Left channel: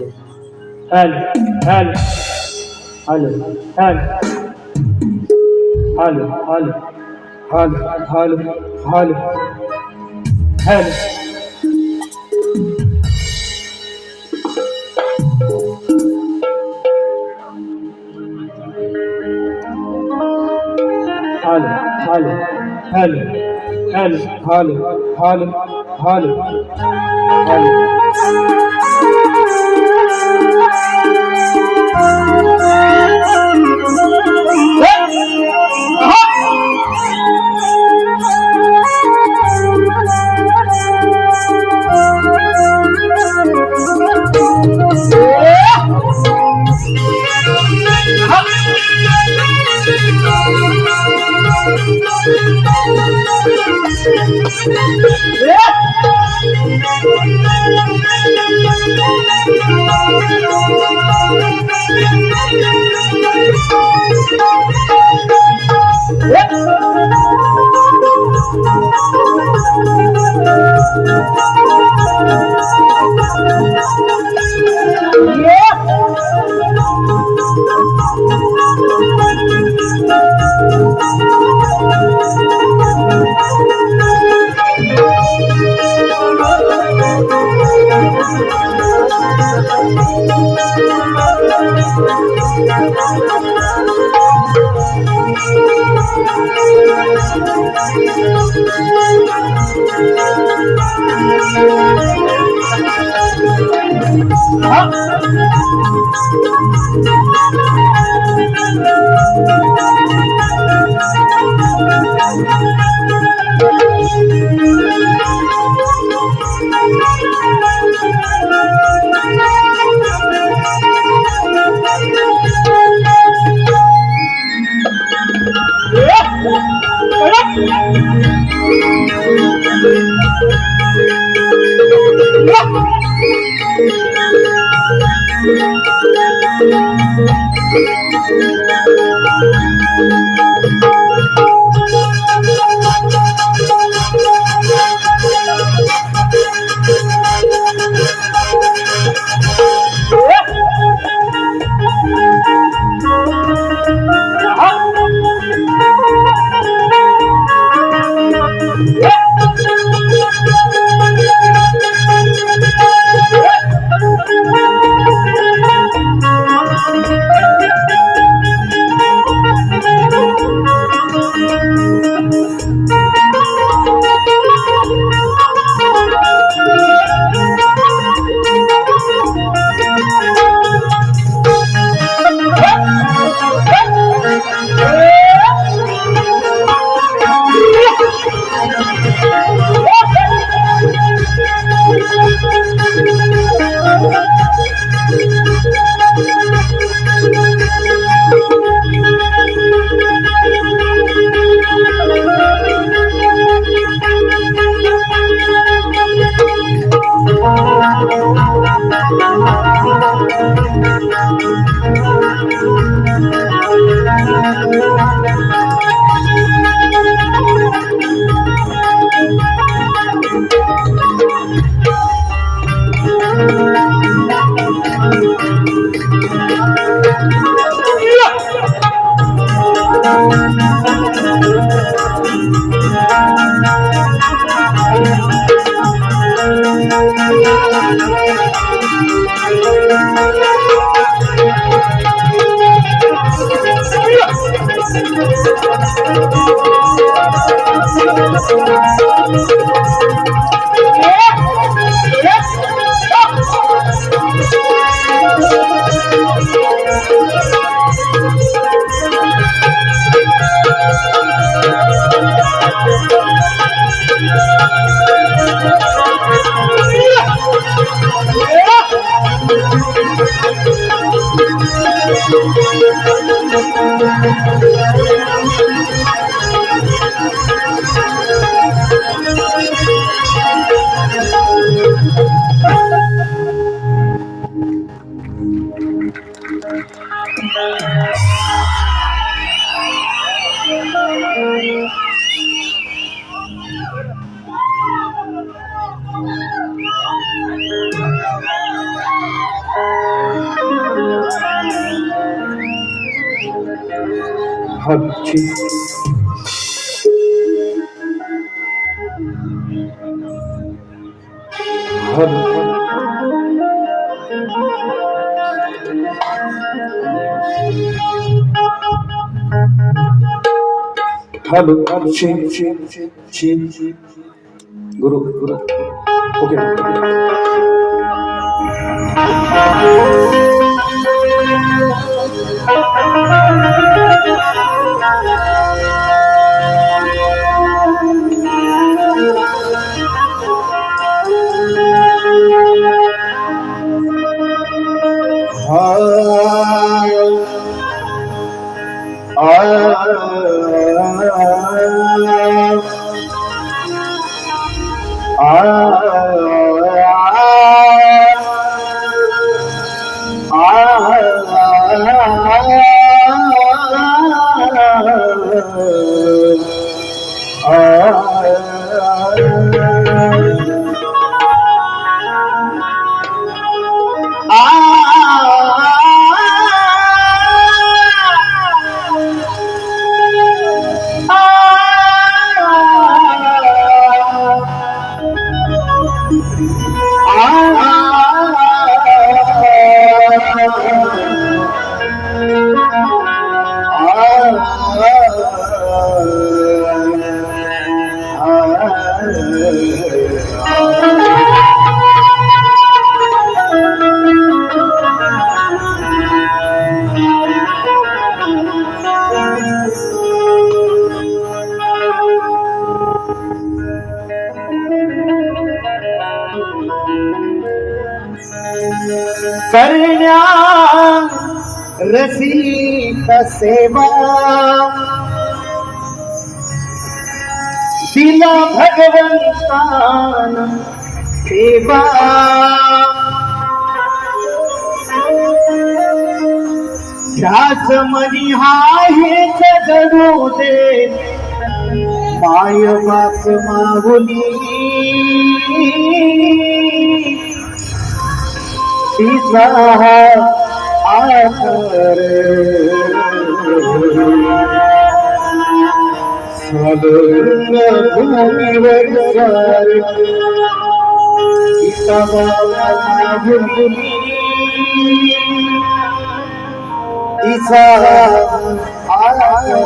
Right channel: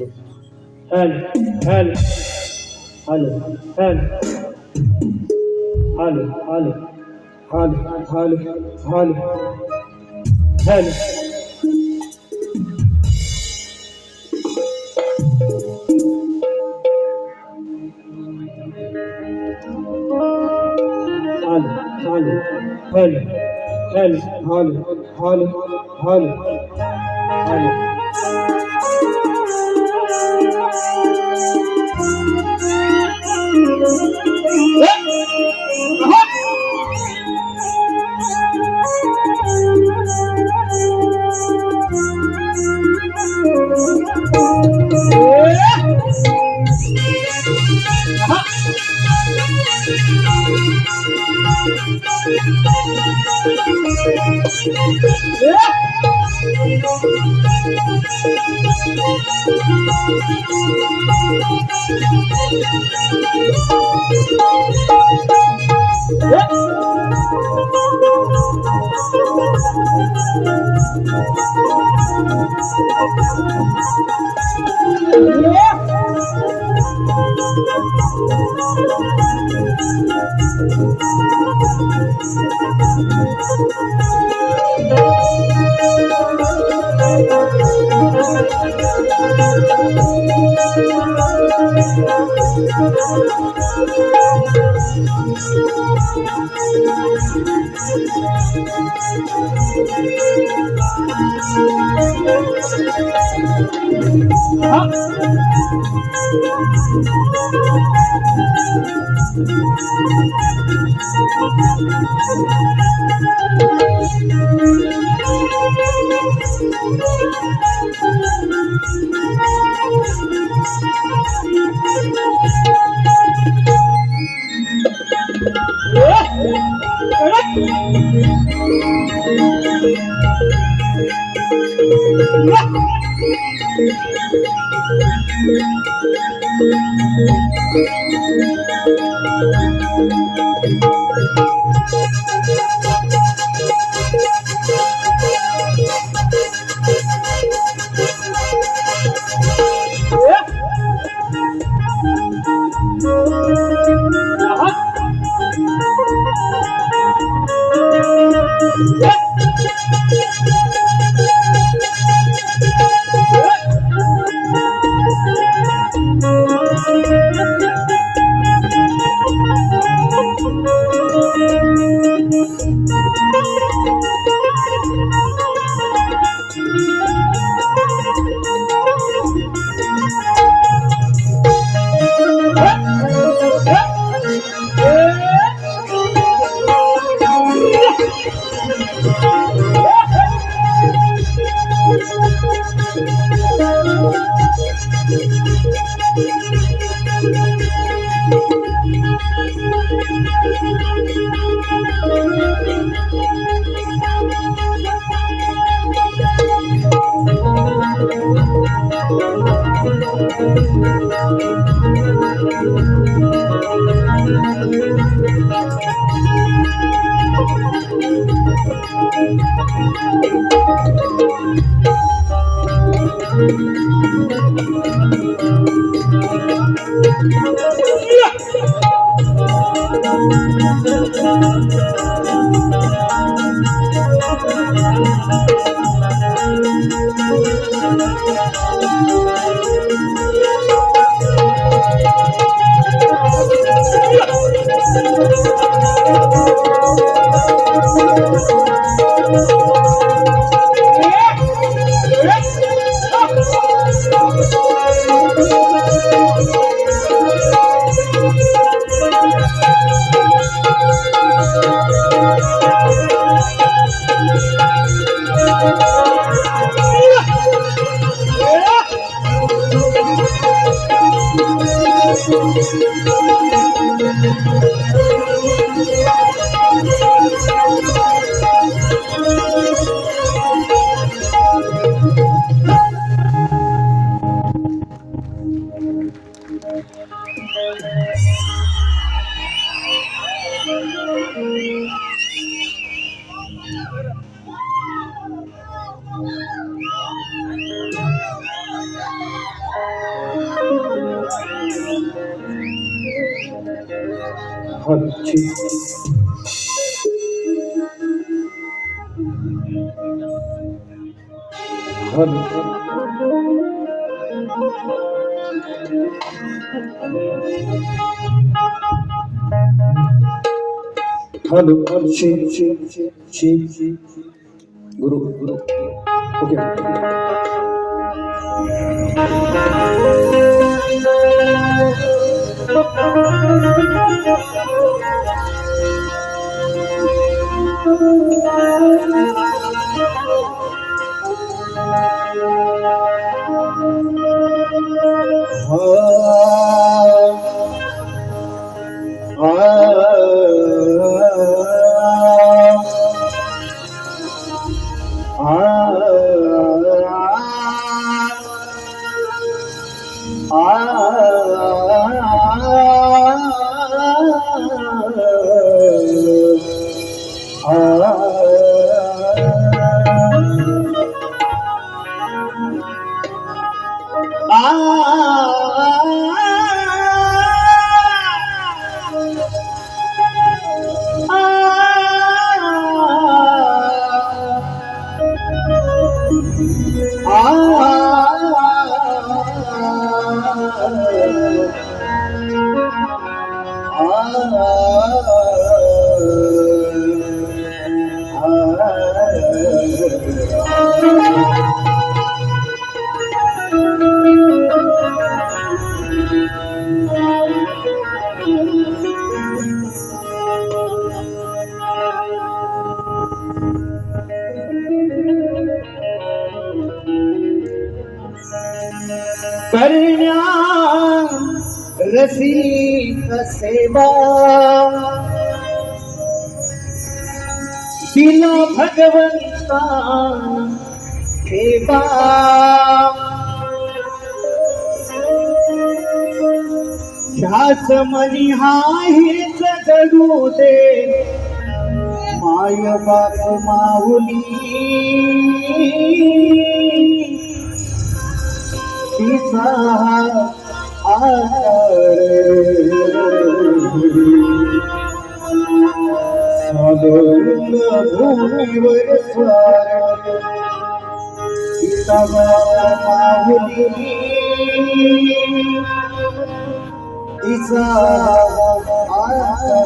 Hal, hal, hal, hal, hal, hal, hal, hal, hal, hal. Hal, hal, hal, hal, hal, hal, hal, hal. छी hello छी गुरु okay करण्या रसिक सेवा दिला भगवंतान सेवा ध्यास मनी हेच जगू दे माय बाप माहुली तिचा आकार सादंग भूमीवर सार तिचा माहुली तिचा आकार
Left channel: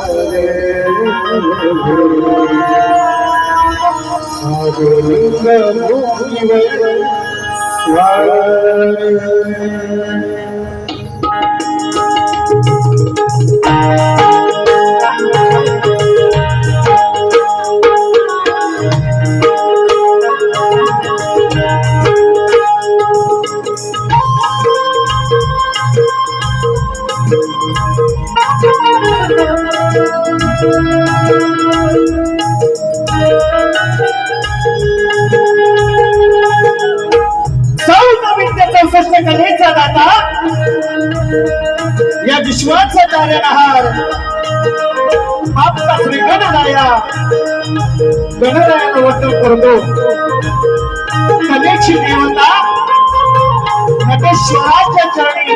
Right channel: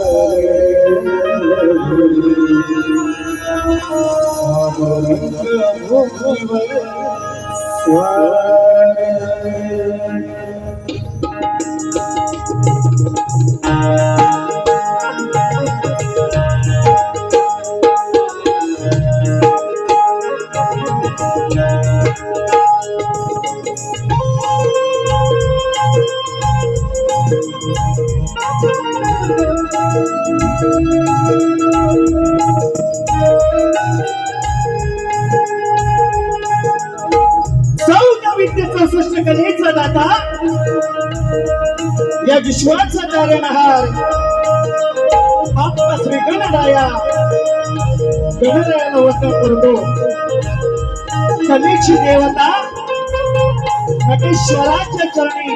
सादंग भूमीवर कलेचा दाता या विश्वाचा तारणहार आपला श्री गणरायाला वंदन करतो. कलेची देवता नटेश्वराच्या चरणी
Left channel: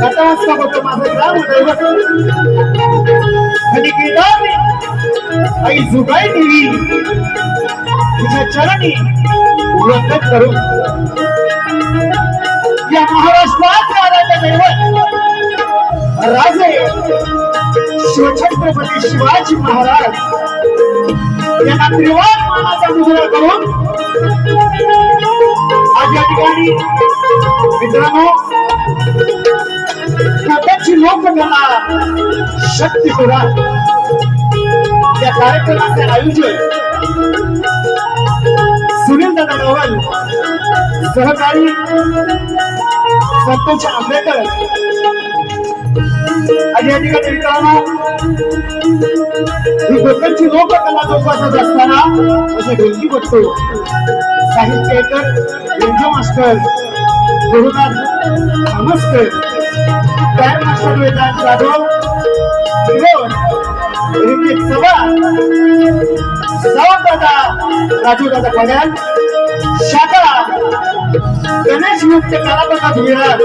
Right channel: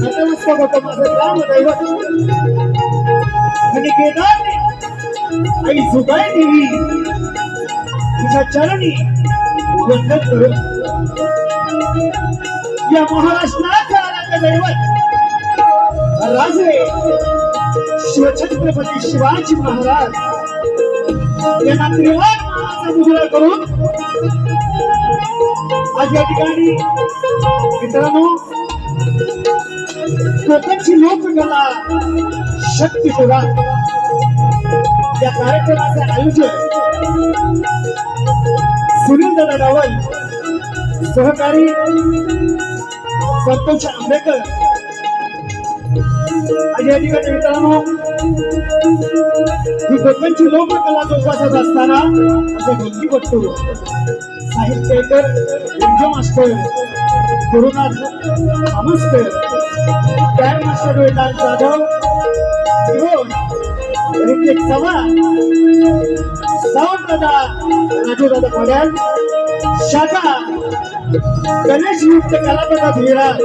नतमस्तक होतो माझं ग्रामदैवत आणि केदारने आई जुगाई देवी तिच्या चरणी वंदन करू. या महाराष्ट्राचे आराध्य दैवत राजे शिवछत्रपती शिवाजी महाराज यांना त्रिवार मानाचा मुजरा करून आज या ठिकाणी मित्रांनो स्वतःची लोककला शक्ती शोधा या कार्यक्रमाचे आयोजन सुनील दादा रावल सहकारी संतोष आंबेकर आज या ठिकाणी मित्रांनो ही कोकणची लोककला जोपासत असताना असं ढोलकी बघतो साहित्यकर व्यंज मास्टर गुरुनाथ आमस्कर तयार मास्टर वेदांत जाधव सावंत दादा राजू दादा पड्याल शाखा गणेशयुक्त कलापथात विरार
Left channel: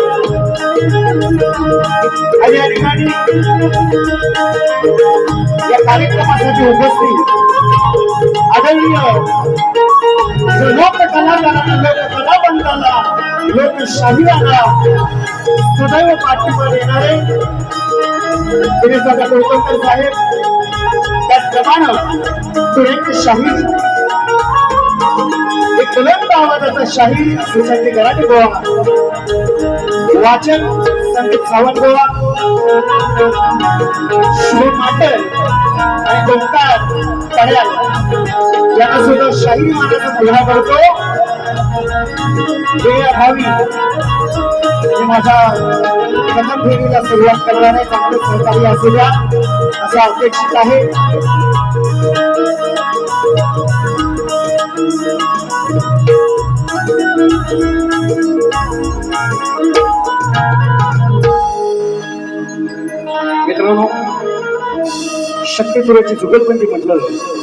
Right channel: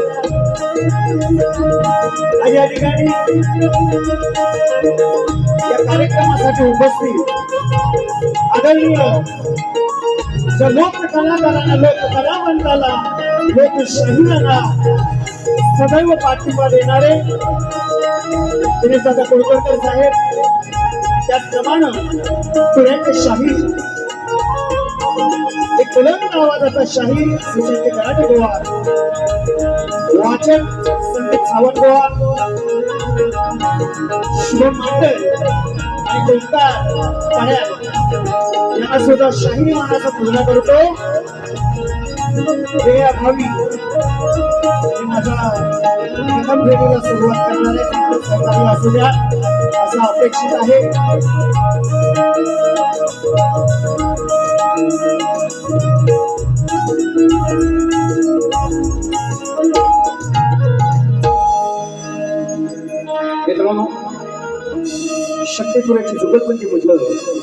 आज या ठिकाणी या कार्यक्रमासाठी उपस्थित आदरणीय लोक कलाकारांना, लोक कलावंताला, लोकशाहीरांना सदैव पाठिंबा देणारे दिनेशदादा कोळवळकर साहेब, त्याचप्रमाणे पुण्याचे शाहीर, एक बुलंद आवाजाचा शाहीर सुशांती गराटे गोवा, वाचक संदीप सावंत गोवा, शुभम माटल आणि गोमकार पड्याल यांना सुद्धा शाहिरी मानाचा पुढा करतो. भावी माझ्या प्रथम फेरीला सुरुवात करणारे चांगले सहकार्य असू द्या असं अपेक्षित आहे. मित्रांनो, शक्यपुराची जुगलबंदी म्हटलं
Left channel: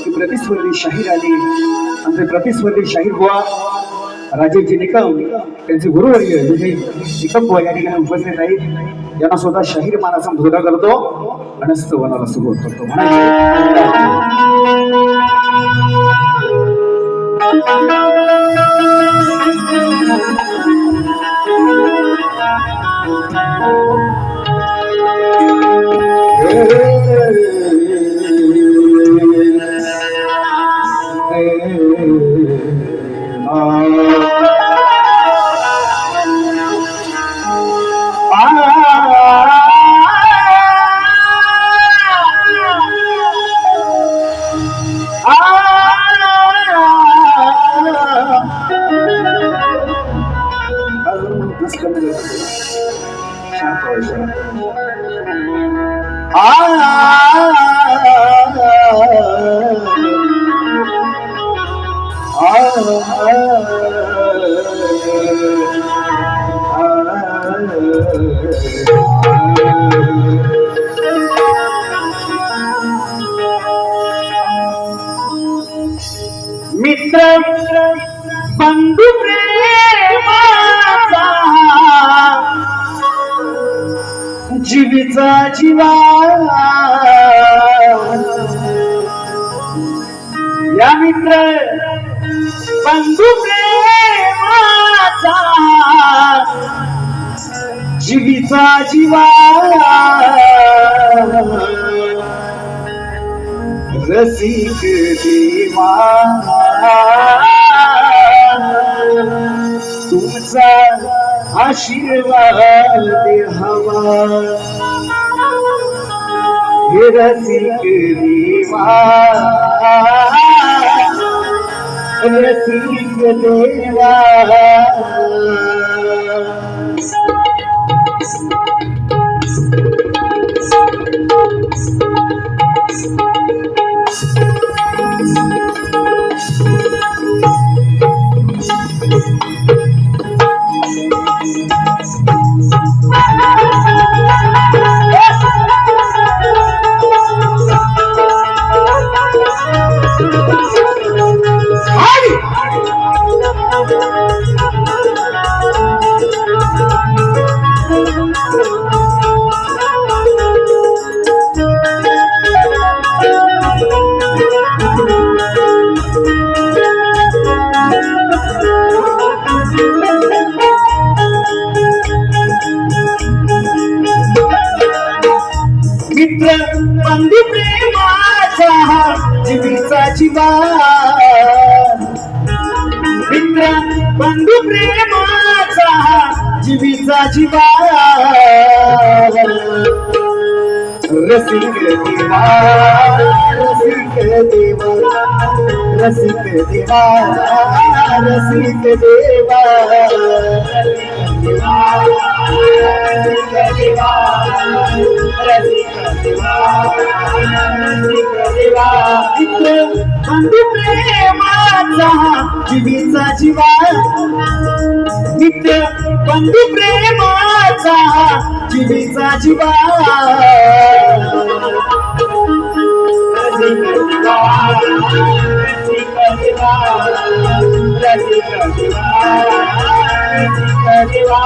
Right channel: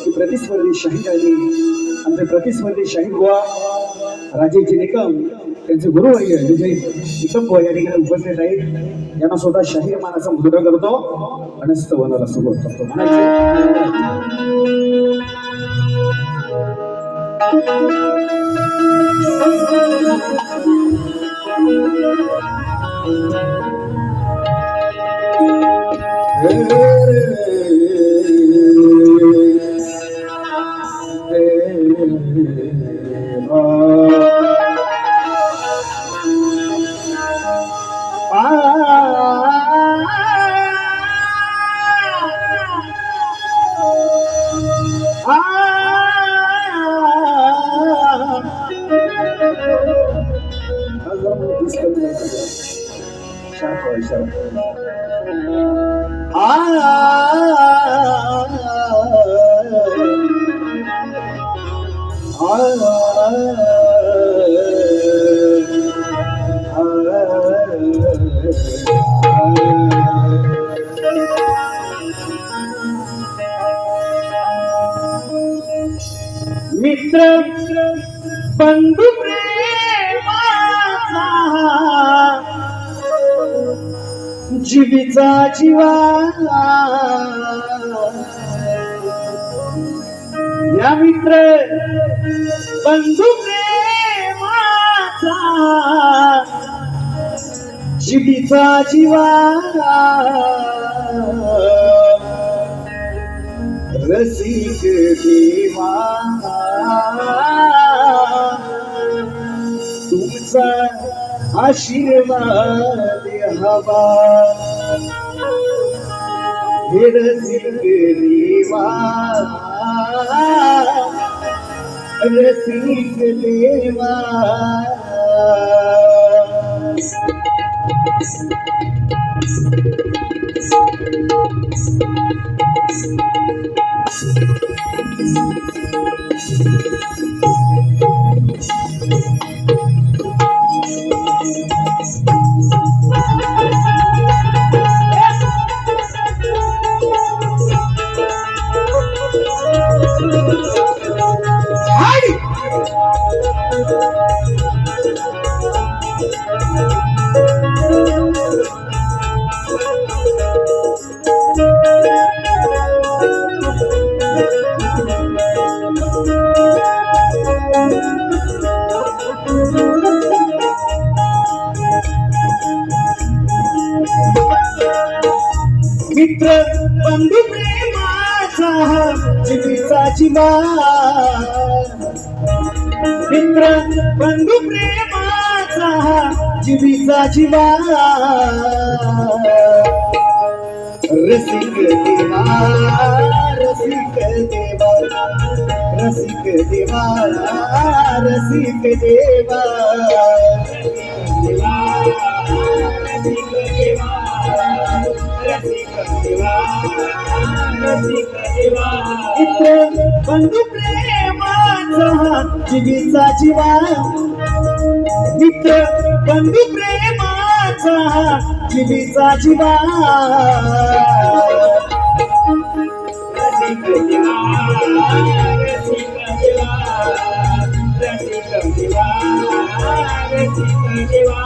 की प्रतिस्पर्धी शाहीर आणि आमचे प्रतिस्पर्धी शाहीर बुवा राजेशजी निकम, त्यांचे गुरुवर्य विजय निकम बुवा या ठिकाणी उपस्थित आहेत. यांना स्वतः शाहीर मानाचा मुद्दा करतो आणि स्तवनाला सुरुवात करतो. मित्र बंधू प्रेमाचा जीवीचा जीवा, या मित्र बंधू प्रेमाचा जीवीचा जीवा, रसिक देवा तुमचा आशीर्वाद हवा, हे रसिक देवा, रसिक देवा. मित्र बंधू प्रेमाचा जीवीचा जीवा, मित्र बंधू प्रेमाचा जीवीचा जीवा, रसिक देवा, रसिक देवा, रसिक देवा, रसिक देवा, मित्र बंधू प्रेमाचा जीवीचा जीवा, मित्र बंधू प्रेमाचा जीवीचा जीवा, रसिक देवा, रसिक देवा, रसिक देवा. रसिक देवा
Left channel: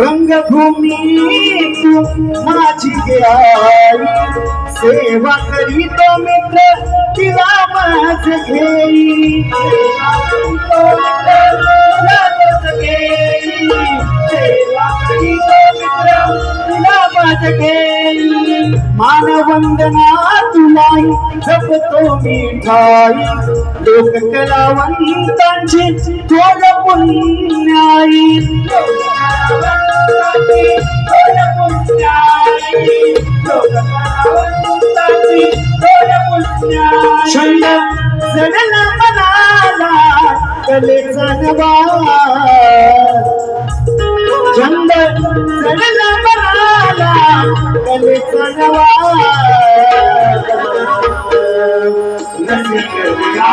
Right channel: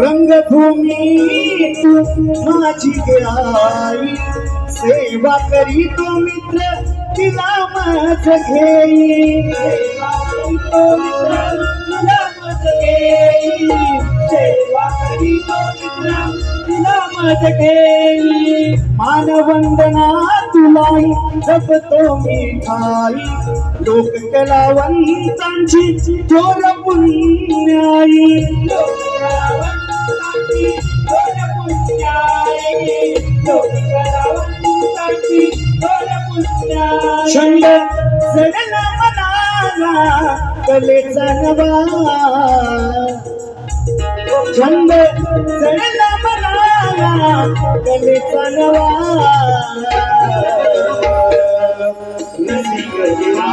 रंगभूमी तू माझी आई सेवा करीतो मित्र तिला माझ घेई सेवा करीतो मित्र तिला माझ घेई मानवंदना तुलाई जपतो मी ठाई लोक कलावंतांची थोर पुण्याई छंद जडला मनाला कलेचा नवा छंद जडला मनाला कलेचा नवा रसिक देवा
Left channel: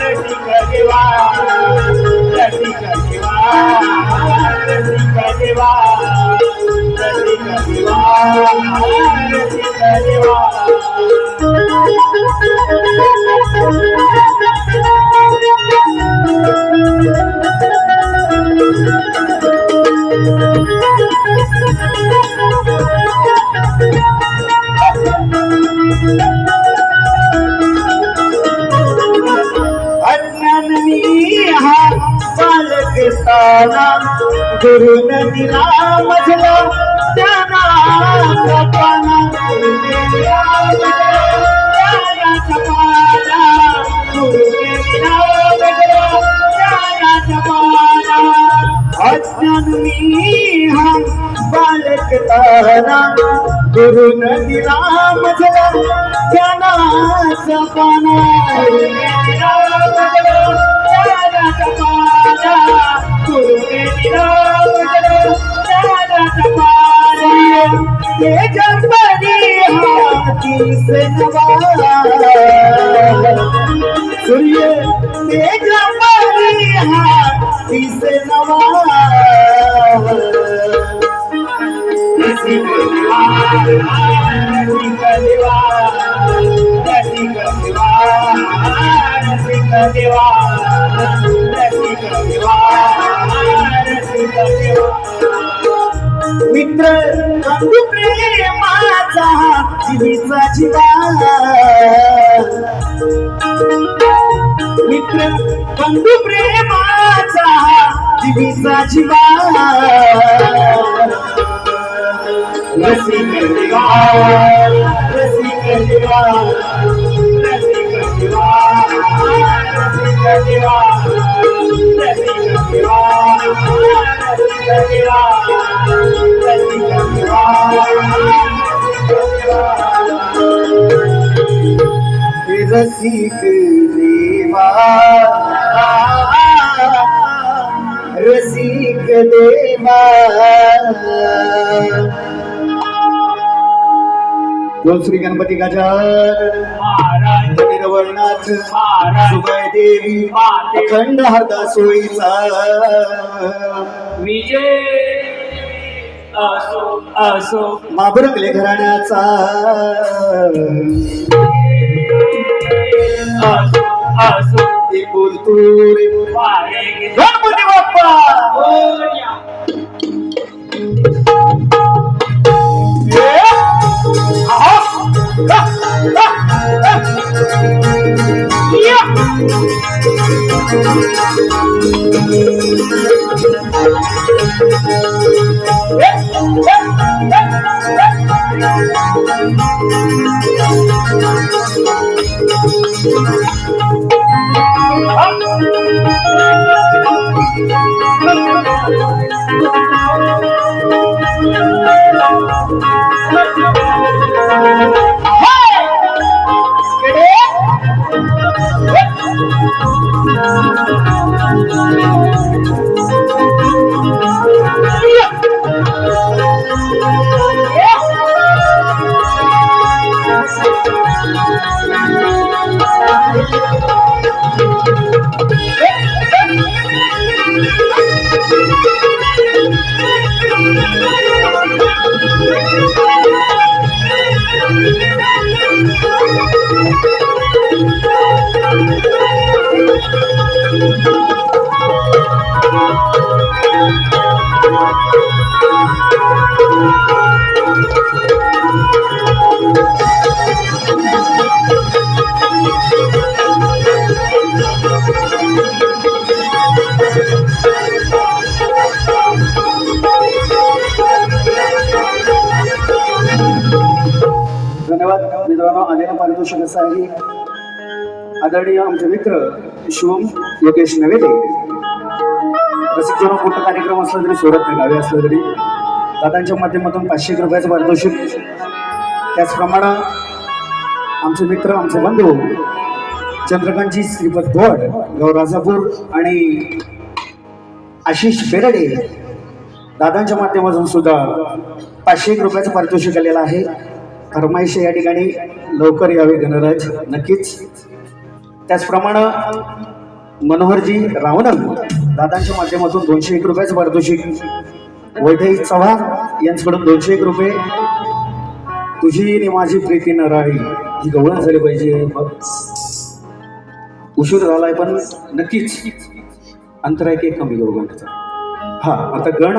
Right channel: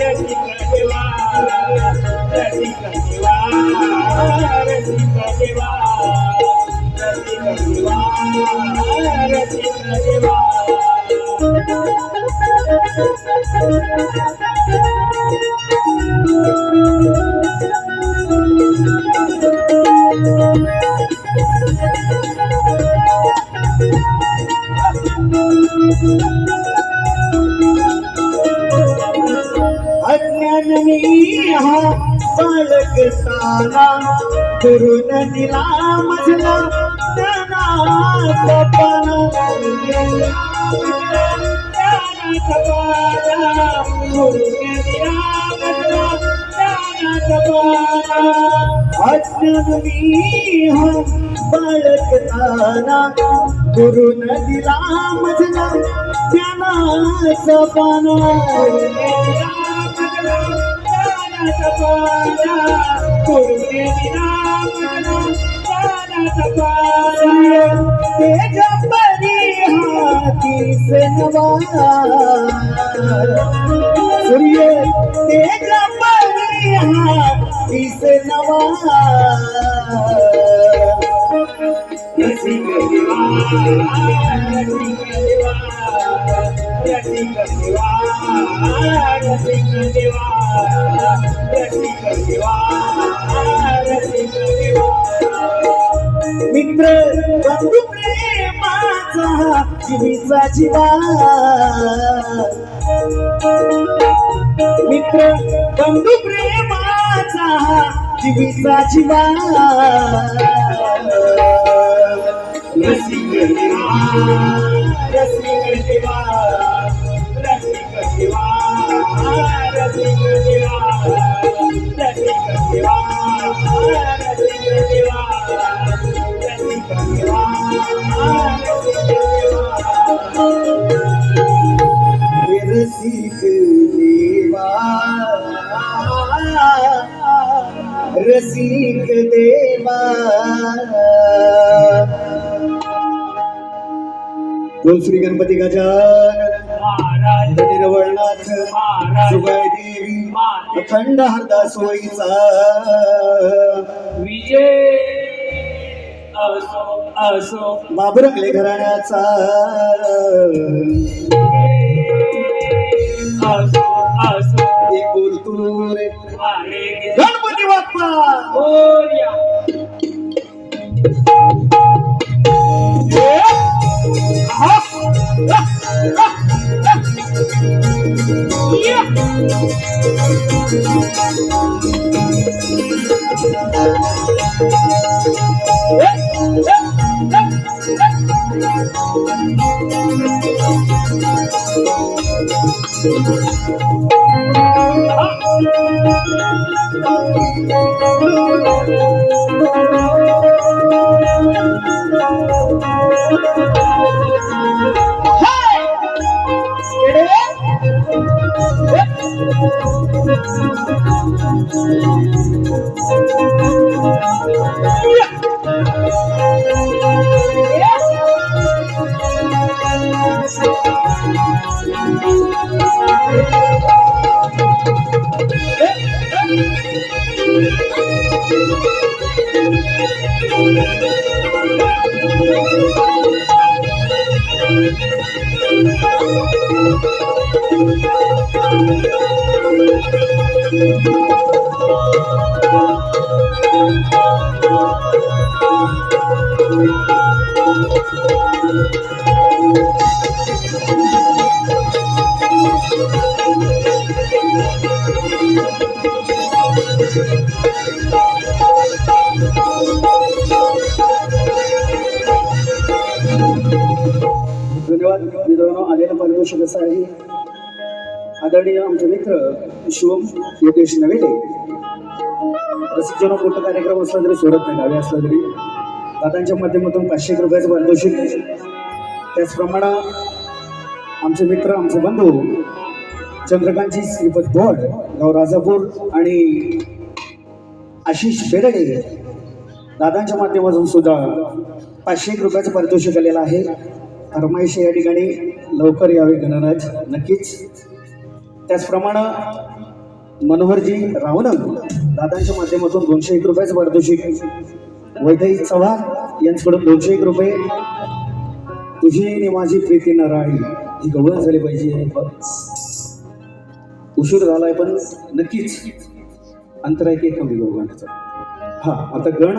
रसिक देवा रसिक देवा रसिक देवा रसिक देवा रसिक देवा अज्ञानी हा बालकस्ताना गुरुन दिला मजला ज्ञानाचा पाना अज्ञानी हा बालकताना गुरुन दिला मजला ज्ञानाचा पाना सूर्य तेज परी हाथी से नवा रसिक देवा रसिक देवा रसिक देवा रसिक देवा रसिक देवा रसिक देवा मित्र बंधू प्रेमाचा जीवीचा जीवा मित्र बंधू प्रेमाचा जीवीचा जीवा रसिक देवा रसिक देवा रसिक देवा रसिक देवा रसिक देवा रसिक देवा रसिक देवा रसिक देवा रसिक देवा बोल श्री गणपती गजानन महाराज निरवळनाथ सुगाय देवी अखंड हरदा सोयीचा विजय असो असो माबरकले घराण्याचा असो असो एक बोलतूर गणपती बाप्पा मोरया धन्यवाद मित्रांनो. आलेलं पारितोषिक असं आहे आदरणीय आमचे मित्र शिवम योगेश नवेले. रसिकजन मोठा कार्यक्रम असला तरी सोडत नाही, गावी असला तरी दादांच्या माध्यमातून 500 रुपयाचं पारितोषिक. त्याचप्रमाणे आमचे मित्र आमचे बंधू चंद्रकांतजी श्रीपत गोड गाव राजापूर आणि आशिष बेरडे दादांच्या माध्यमातून सुद्धा 500 रुपयाचं पारितोषिक आलेलं आहे. फरमाईश या ठिकाणी लवकर यावे गणराज नक्कीच. त्याचप्रमाणे मनोहरजी रावणन दादांच्या माध्यमातून 201 रुपयाचं पारितोषिक. वैठाई चव्हाण यांच्याकडून 201 रुपये. तुझी आणि माझी प्रीती नराळी ही गवळण झाली पाहिजे. उशीर झालाय पण नक्कीच अंतर आहे की कमी गवळणचा. हा आता गण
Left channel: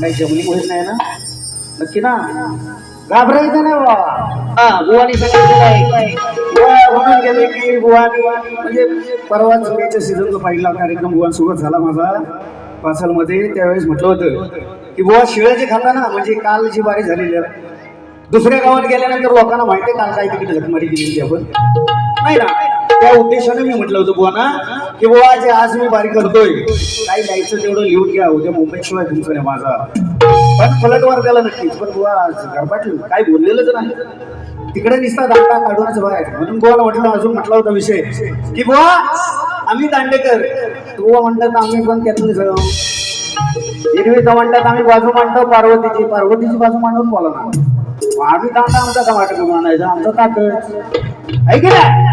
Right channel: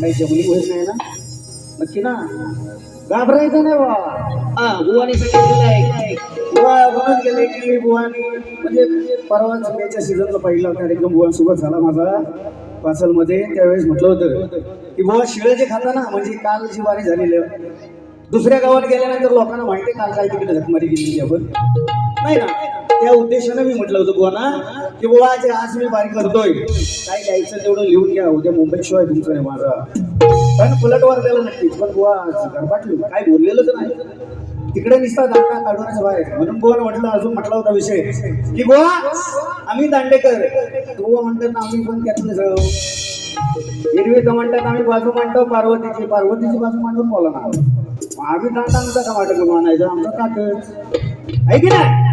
काही जमलीमुळेच नाही ना, नक्की ना, घाबरायचं नाही बाबा. बुवानी म्हणून गेले की बुवानी म्हणजे परवा चुक्याच्या सीझनचा पहिला कार्यक्रम बुवांसोबत झाला माझा पासलमध्ये. त्यावेळेस म्हटलं होतं की बुवा शिळं जे खाता ना, म्हणजे काल जी बारी झालेली आहे दुसऱ्या गावात गेल्यानंतर लोकांना माहिती आहे काल काय तिकडे झकमारी केली आपण नाही ना, त्या उद्देशाने मी म्हटलं होतं बुवाना की बुवा जे आज मी बारी करतोय काय लिहायचं तेवढं लिहून घ्या, उद्या मुंबईत शिवाय तुमचं नाही माझा. पण पलटवार त्याला नक्कीच. पण बुवा गरबाटली काय बोललेलंच नाही, तिकडे निसता दांडा काढूनच बाहेर. म्हणून बुवाला म्हटलं, अजून म्हटला होता विषय की बुवा आम्ही दांडेकर, बुवा म्हणतात आम्ही पण त्यातून जाऊ. एरवी तर म्हणतात आम्ही बाजू मांडतो पार्वतीची बाजू मांडून बोला ना. आम्ही दांडा आमचा टमाटर मांडायचा, आमचा ताकद आहे की नाही.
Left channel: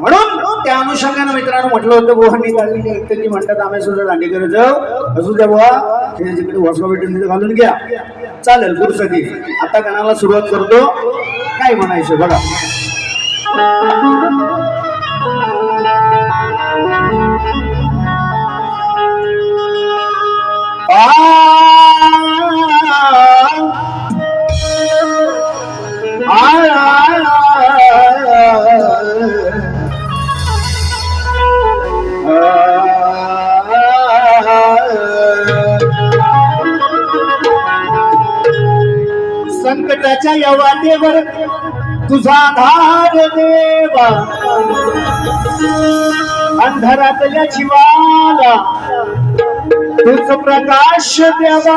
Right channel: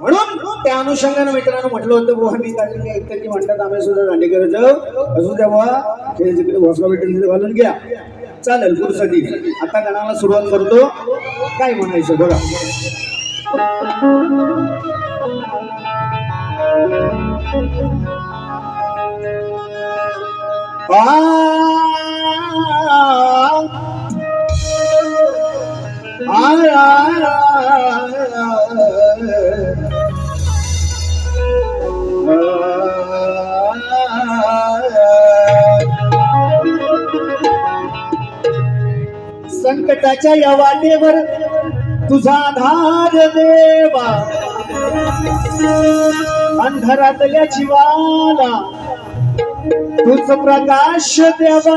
म्हणून त्या अनुषंगाने मित्रांनो म्हटलं होतं बुवांनी काढलेली ऐकतं की म्हणतात आम्ही सुद्धा दांडेकर जाऊ. असू द्या बुवा, हे जिकडे वसवा भेटून घालून घ्या, चालेल पुरुषाची. आता गाण्याला सुरुवात करतो. काय म्हणायचं बघा. संकटाच्या या वाटेवर तुझा आधार देवा, अंधारातल्या जीवाला तुझ प्रकाश द्यावा.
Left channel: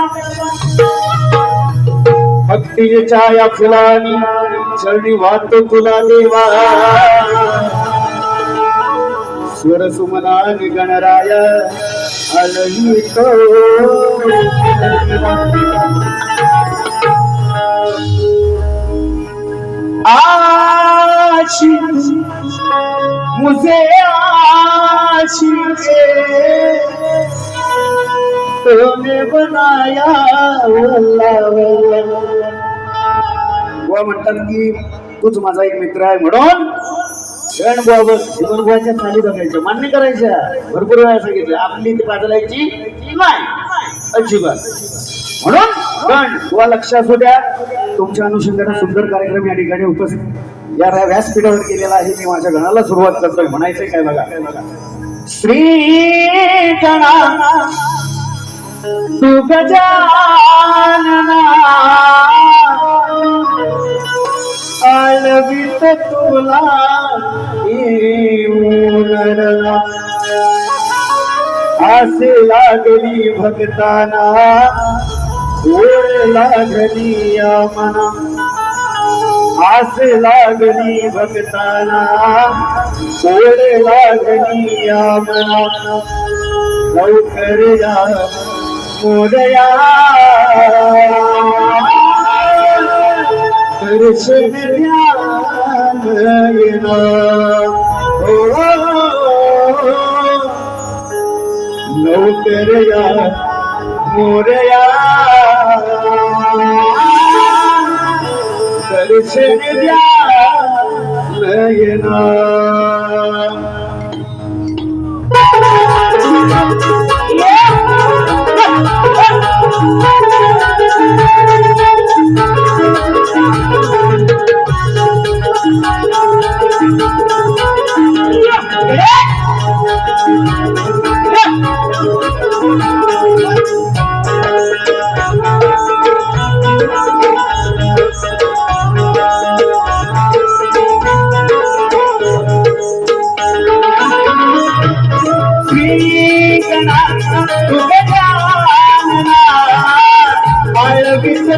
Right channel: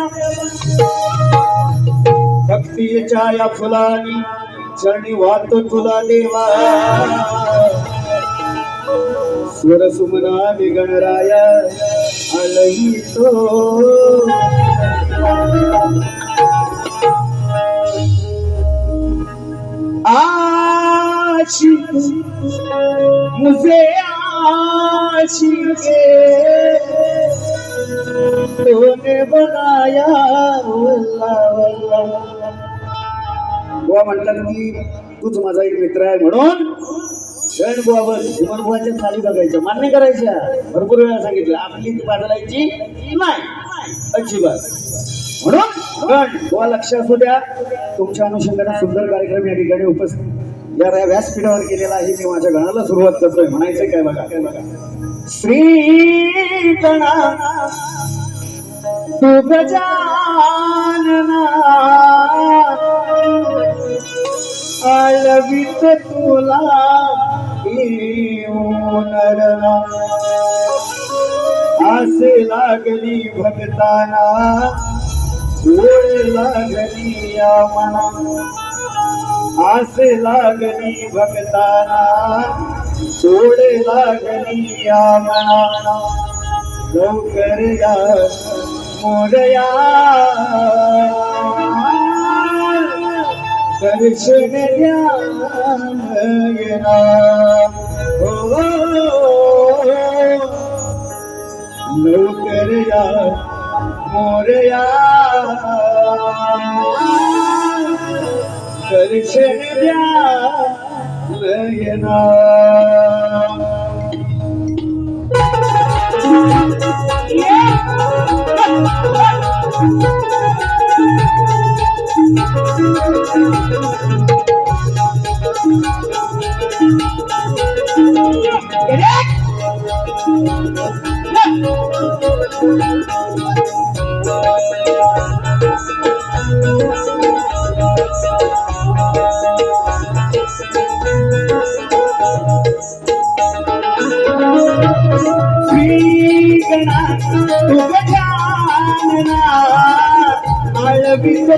भक्तीच्या या फुलानी चरणी वाहतो तुला देवा. स्वर सुमनाने गणराय आलहितो. आशिक मुझे आशिक तूने बनाया वल्ला वल्ला. बुवा म्हणतात की तूच माझा एक मित्र आहे म्हणून गण बाबत जीवनभराच्या चाली बघायच्या, मान्य करायच्या. भरपूर वेळा सांगितलं आपली ती बदलायची नाही अजिबात. म्हणून गण बुवा लक्ष असू द्या. तुमच्या अनुषंगाने सुंदर कार्यक्रम या ठिकाणी उपस्थित या व्यासपीठावर केलेला आहे. मी माझ्या गणाला सुरुवात करतोय. म्हणायचंय काय बघा. श्री गणा तू गजानना आलवित तुला नरना. आसे लागली भक्ताना ओढ लागली या मना. आस लागली भक्ताना ओढ लागली या मना. लवकर या मोरया दर्शन ध्यान येना हो लवकरया मोरया दर्शन ध्यान येना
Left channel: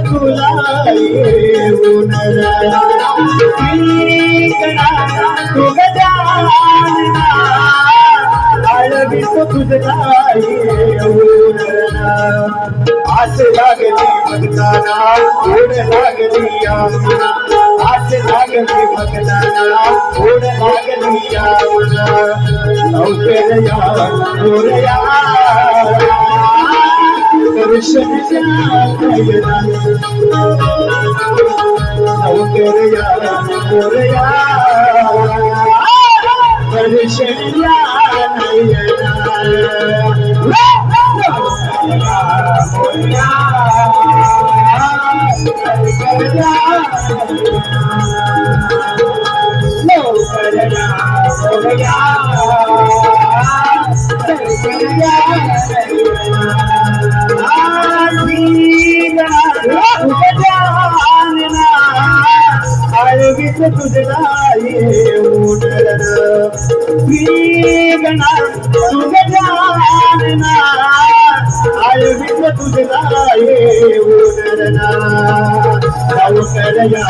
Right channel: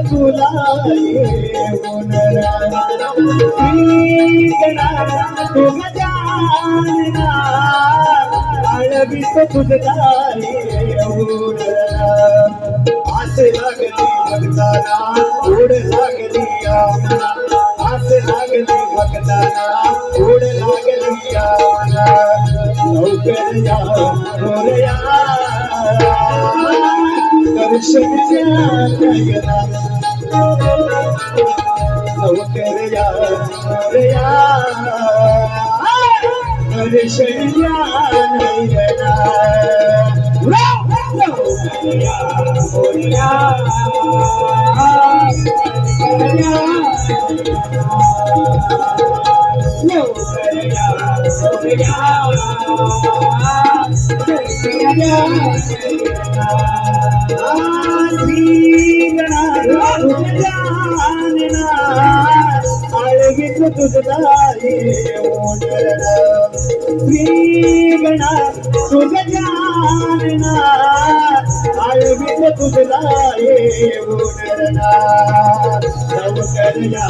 तुला येऊन तू गजानना आळवीत तुझला येऊन आस लागली भक्ताना ओढ लागली यामना आस लागली भक्ताना ओढ लागली यामना लवकर या मोरया दर्शन नयना लवकर या मोरया दर्शन नयना लवकर या मोरया लवकर या मोरया आळवीत तुझला येऊन श्रीगणा तुझ जानना आळवीत तुझला येऊन लवकर या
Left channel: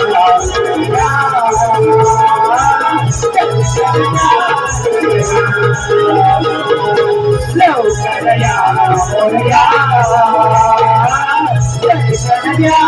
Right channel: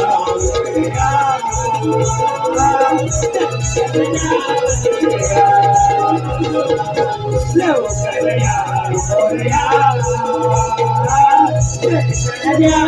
लवकर या मोरया दर्शन द्या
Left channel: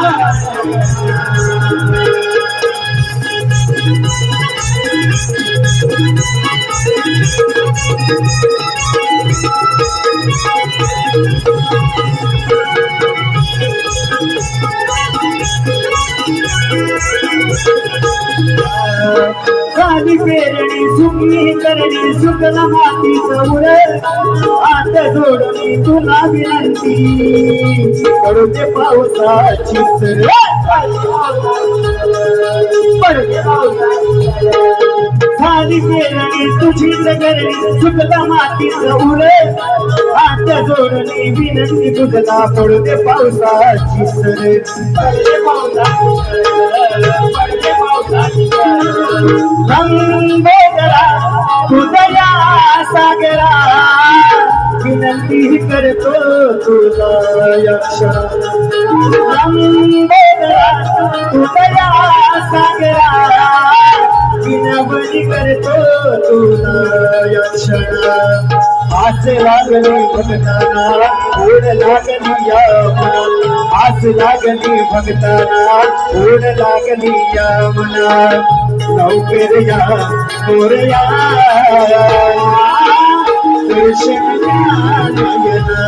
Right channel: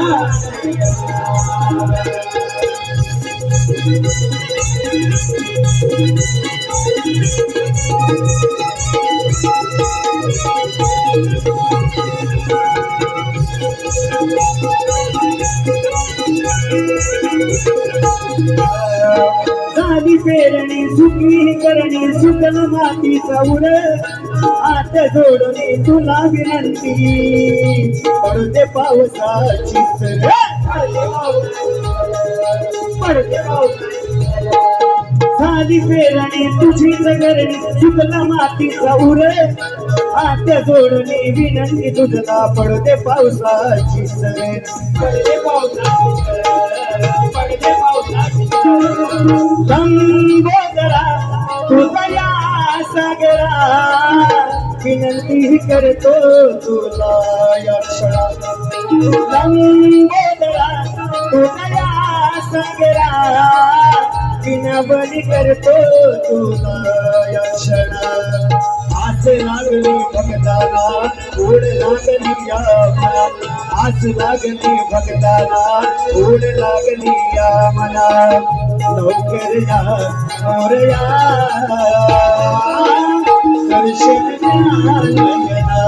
साधी पेरणी सुकली करणी सुकला मातीचा उर हात जोडणी तुला विनंती पडते पावसाची सर पडते साधी पेरणी तुझी जगरणी सुकला मातीचा उर हात जोडणी विनंती तुझला पडते पावसाची सर पडते पावसाची लंबोदरा तुझया सागरा विनंती करतो तुला यक्षा लंबोदरा तुझया सागरा विनवणी करतो तुला यक्षणा आस लागली भक्ताना ओढ लागली या मना आस लागली भक्ताना ओढ लागली या मना लवकर या मोरया दर्शन नयना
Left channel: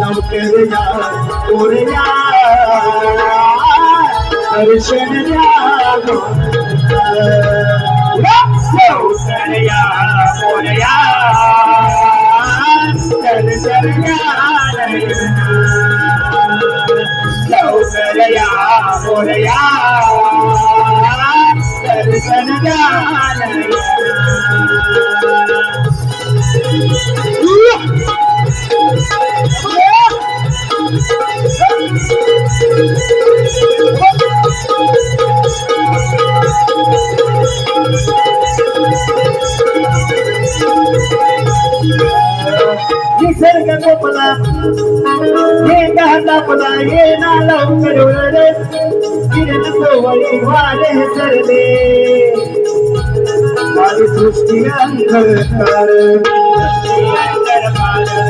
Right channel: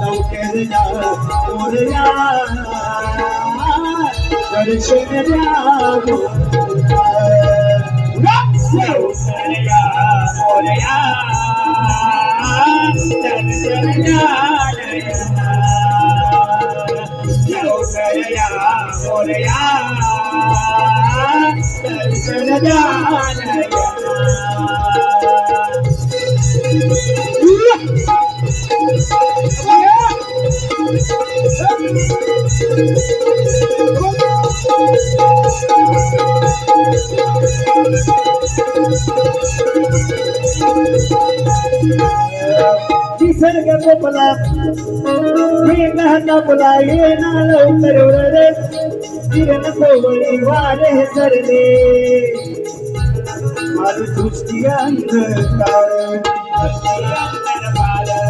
लवकर या मोरया दर्शन द्या लवकर या मोरया दर्शन द्या लवकर या मोरया दर्शन द्या निसर्ग गोपला मेघा तापला येना लवकर उडरे किरण सोवळी वारे सरले माझी सृष्टी अंधकार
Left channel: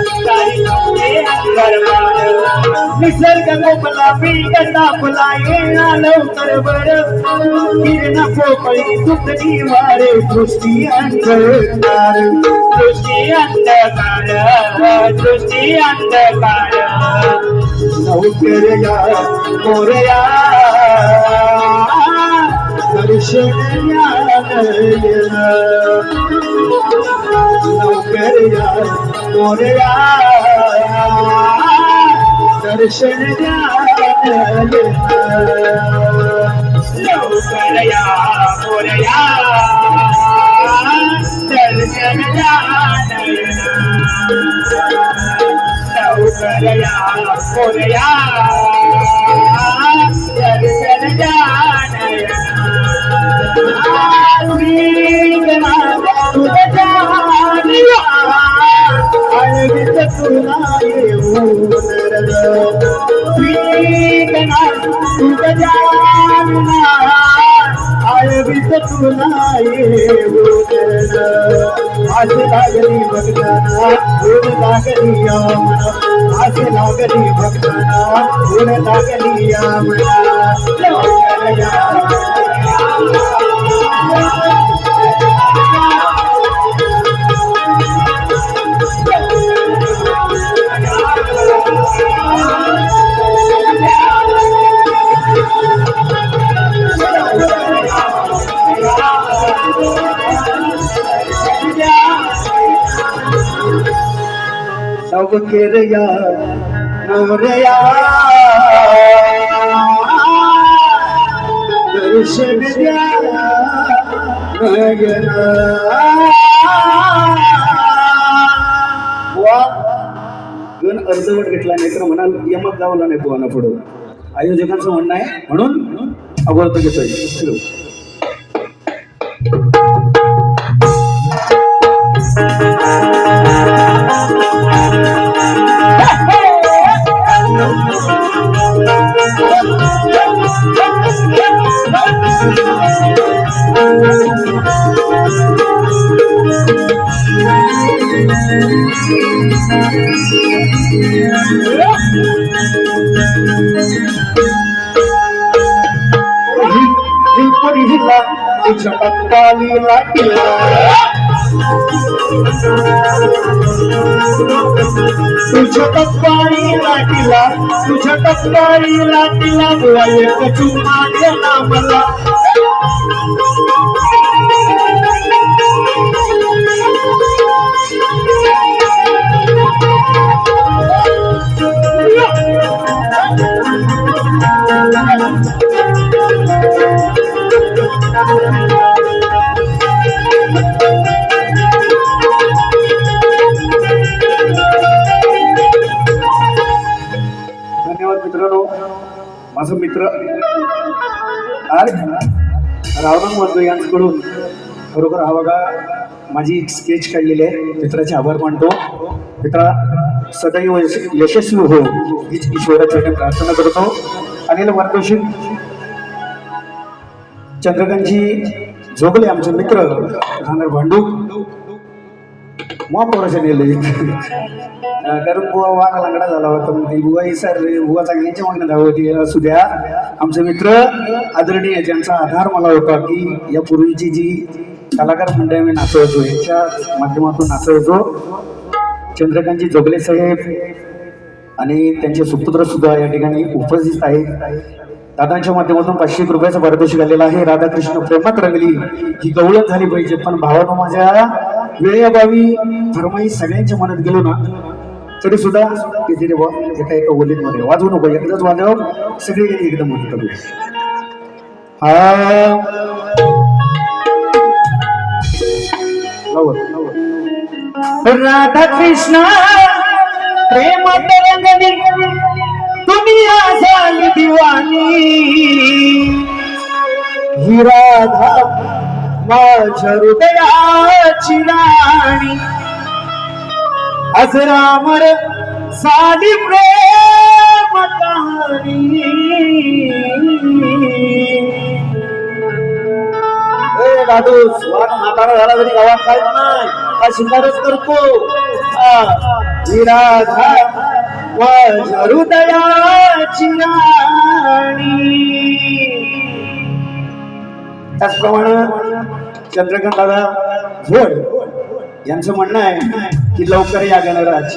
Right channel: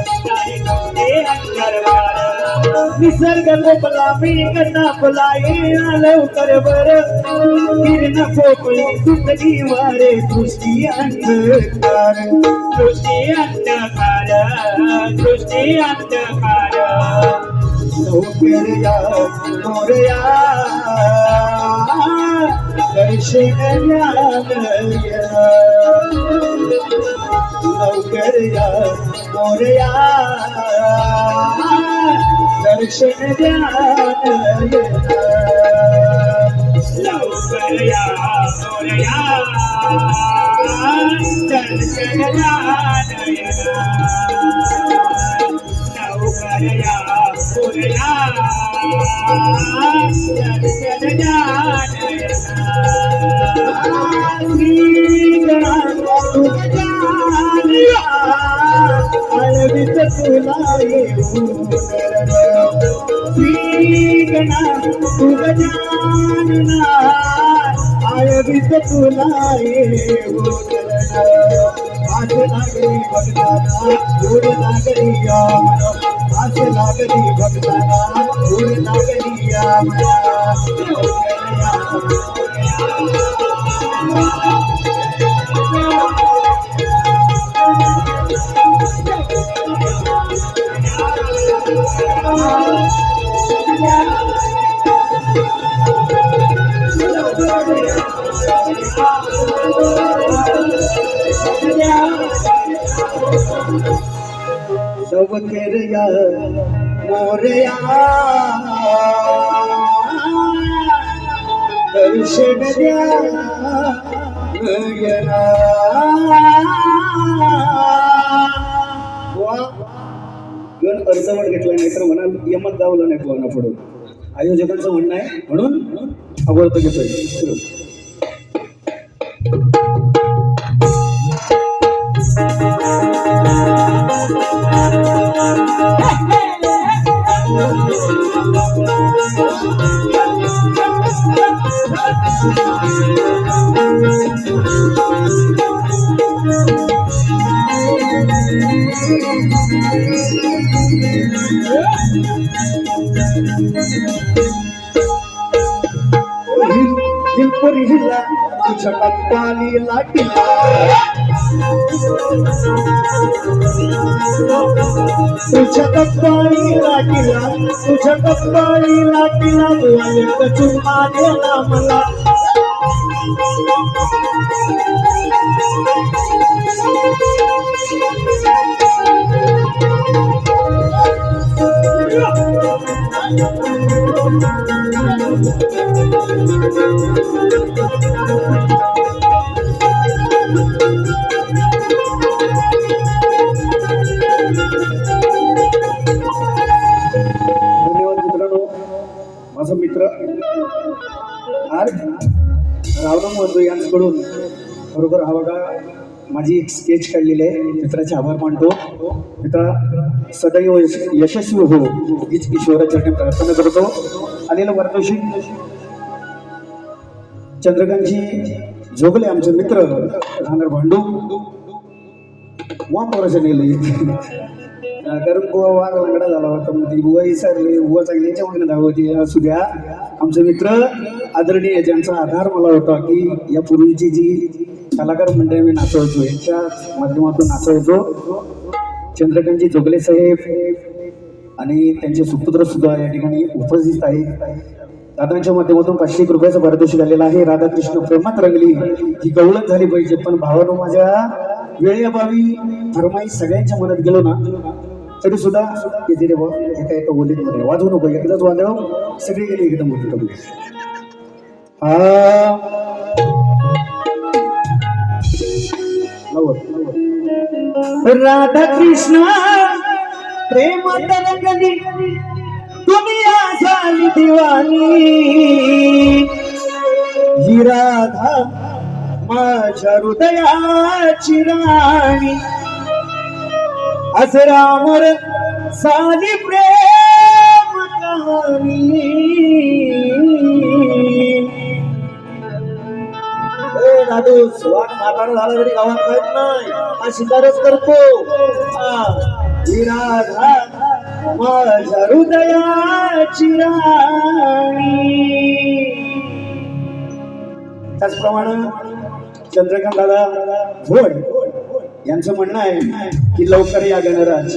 सारी तुझे दरबार निसर्ग कोपला वेग तापला येणा लवकर बर किरण पोपळी सुटली वारे सृष्टी अंधकार सृष्टी अंधकार सृष्टी अंधकार लवकर या मोरया दर्शन ज्ञानय लवकर या मोरया दर्शन ज्ञानय लवकर या मोरया दर्शन ज्ञानय लवकर या मोरया दर्शन ज्ञानय आळवित तुला येऊन श्रीगणा तू गजानना आळवित तुला येऊन आस लागली भक्ताना गुण लागली यामना आस लागली भक्ताना गुण लागली यामना लवकर या लवकर या मोरया दर्शन द्या नयना वा गण अर्धवट घेतला नाही तर म्हणाल यमक गावला नाही पोहाना पुढं आयोजकांचं म्हणणं आहे म्हणून अगोदर घेतोय हिला तुझ्या पत्ताली लाटीला तुझ्या पत्ताली लाटीला तुझ्या पत्ताली लाटीला चुम्मा देना मला माझा मित्र आज रावणा मधू यांच्याकडून खरोखर हा बघा माझी एक स्केच काढलेली आहे मित्राचे आभार मानतो मित्रा सदैव यशस्वी हो हीच ईश्वराचरणी प्रार्थना करतो अनिल वार्तोषिक चंद्रकांतजी जोगले आमचे मित्र राहणार भांडू महापौराचे नेले कारण बुवा वाघ लांगडा झाला होता म्हणजे बुवा विसरले बुवा चांगल्याच्या मागण्या धाव होती असू द्या आमचे मित्र आदरणीय ज्यांचा आधार मला होता की या पूर्वीची जी कलाकार मंडळी मी नाचवतो यांच्या माध्यमातून नाचवतो चंद्रकांतजी जोगले साहेब आणि त्यांचे सुपुत्र सुद्धा या ठिकाणी उपस्थित आहेत दादांच्या माध्यमातून 500 रुपयाचा पारितोषिक आलेला आहे राधाकृष्ण प्रेमात रंगली ही गवळण झाली पाहिजे पण भावानं माझ्या वेळेअभावी फरमाई सगळ्यांच्या मनात गेलो ना तरी सुद्धा किती रे बा एका एका ओलीत मध्ये वाजवू नको एकदाच वाजव सगळी गेली एकदम होती राधा कृष्ण प्रेमात रंगली दुनिया झाली दिवाणी ही राधा माझ्या हृदयाची राणी असरामर साधी प्रेम कहाणी दादू स्वाद म्हातारा झाला तरी गावात काय नाही हा शिकारच करतो ही राधा माझ्या हृदयाची राणी. त्याचप्रमाणे चंद्रकांत दादा भोड यांचं म्हणणं आहे की लवकर या गणराज.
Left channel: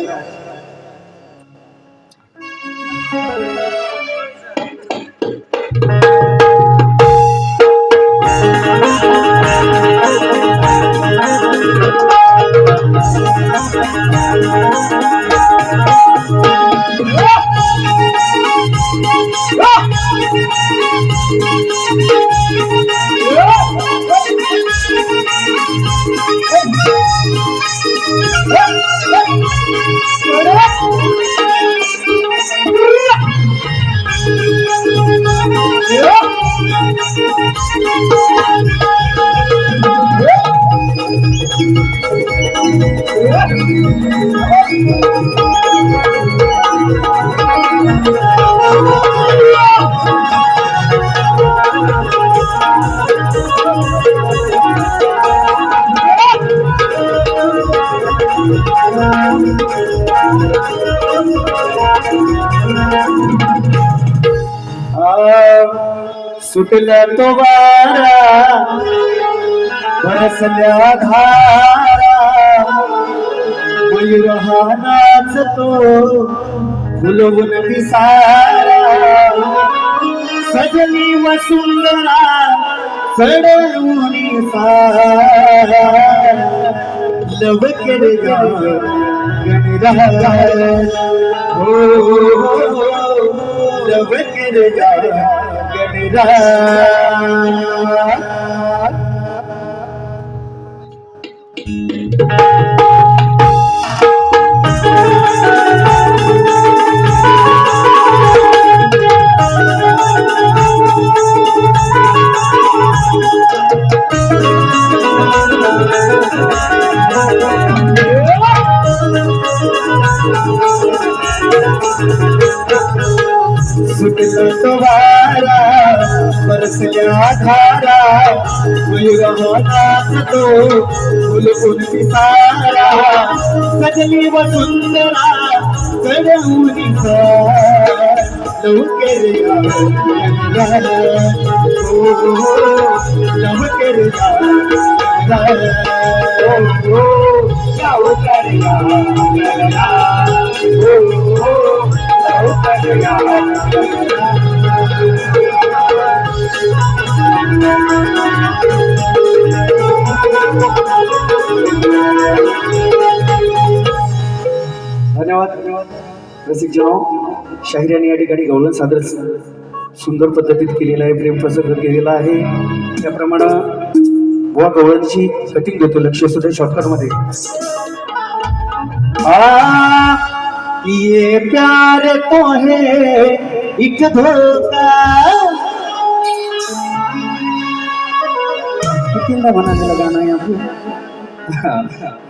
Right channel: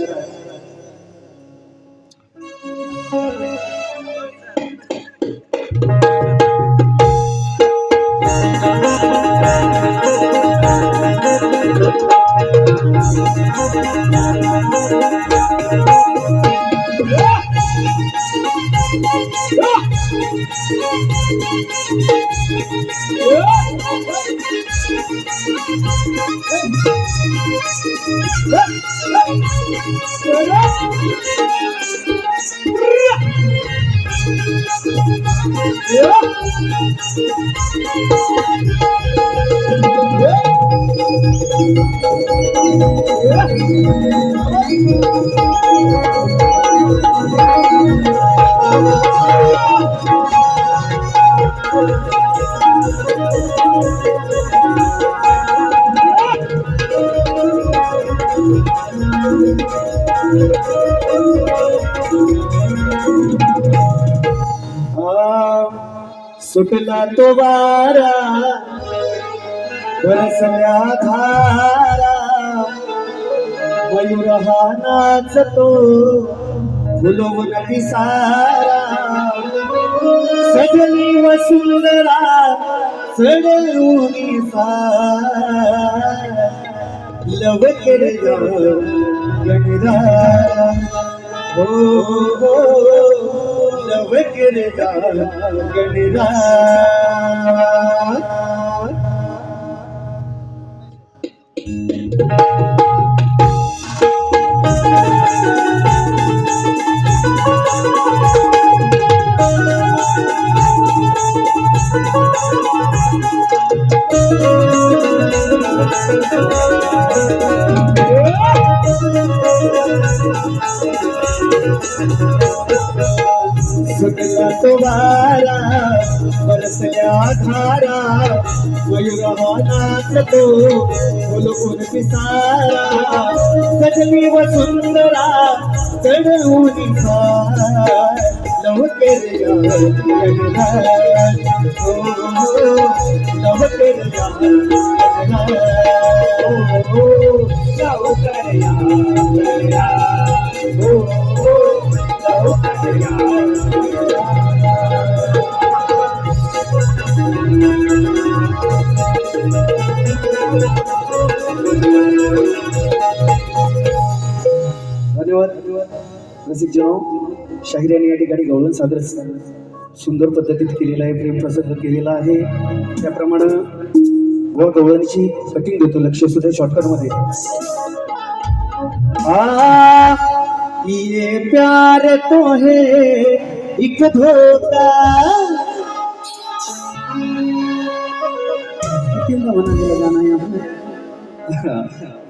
सुटला तो वारा बरसल्या धारा मयूर हा नाचतो फुलवून पिसारा सजली वसुंधरा चढवून सारा लव केल्या गणराज. हो लव केल्या गणराज. सुटला तो वारा बरसल्या धारा मयूर हा नाचतो फुलवून पिसारा सजली वसुंधरा चढवून सारा लवकर या गणराज. हो लवकर या गणराज. लवकर या गणराज. हो लवकर या धन्यवाद. रसिक जनो, शाहीर यांनी या ठिकाणी गवळण सादर सुंदर पद्धतीत केलेला आहे, प्रेम प्रसंग केलेला आहे. त्याप्रमाणे बुवा गवळणची कटिंग देतो. लक्ष सुद्धा शॉर्टकट मध्ये. ये प्यार तो है एक धोखा. कितींदा म्हणालेलं गाणं आहे आपलं.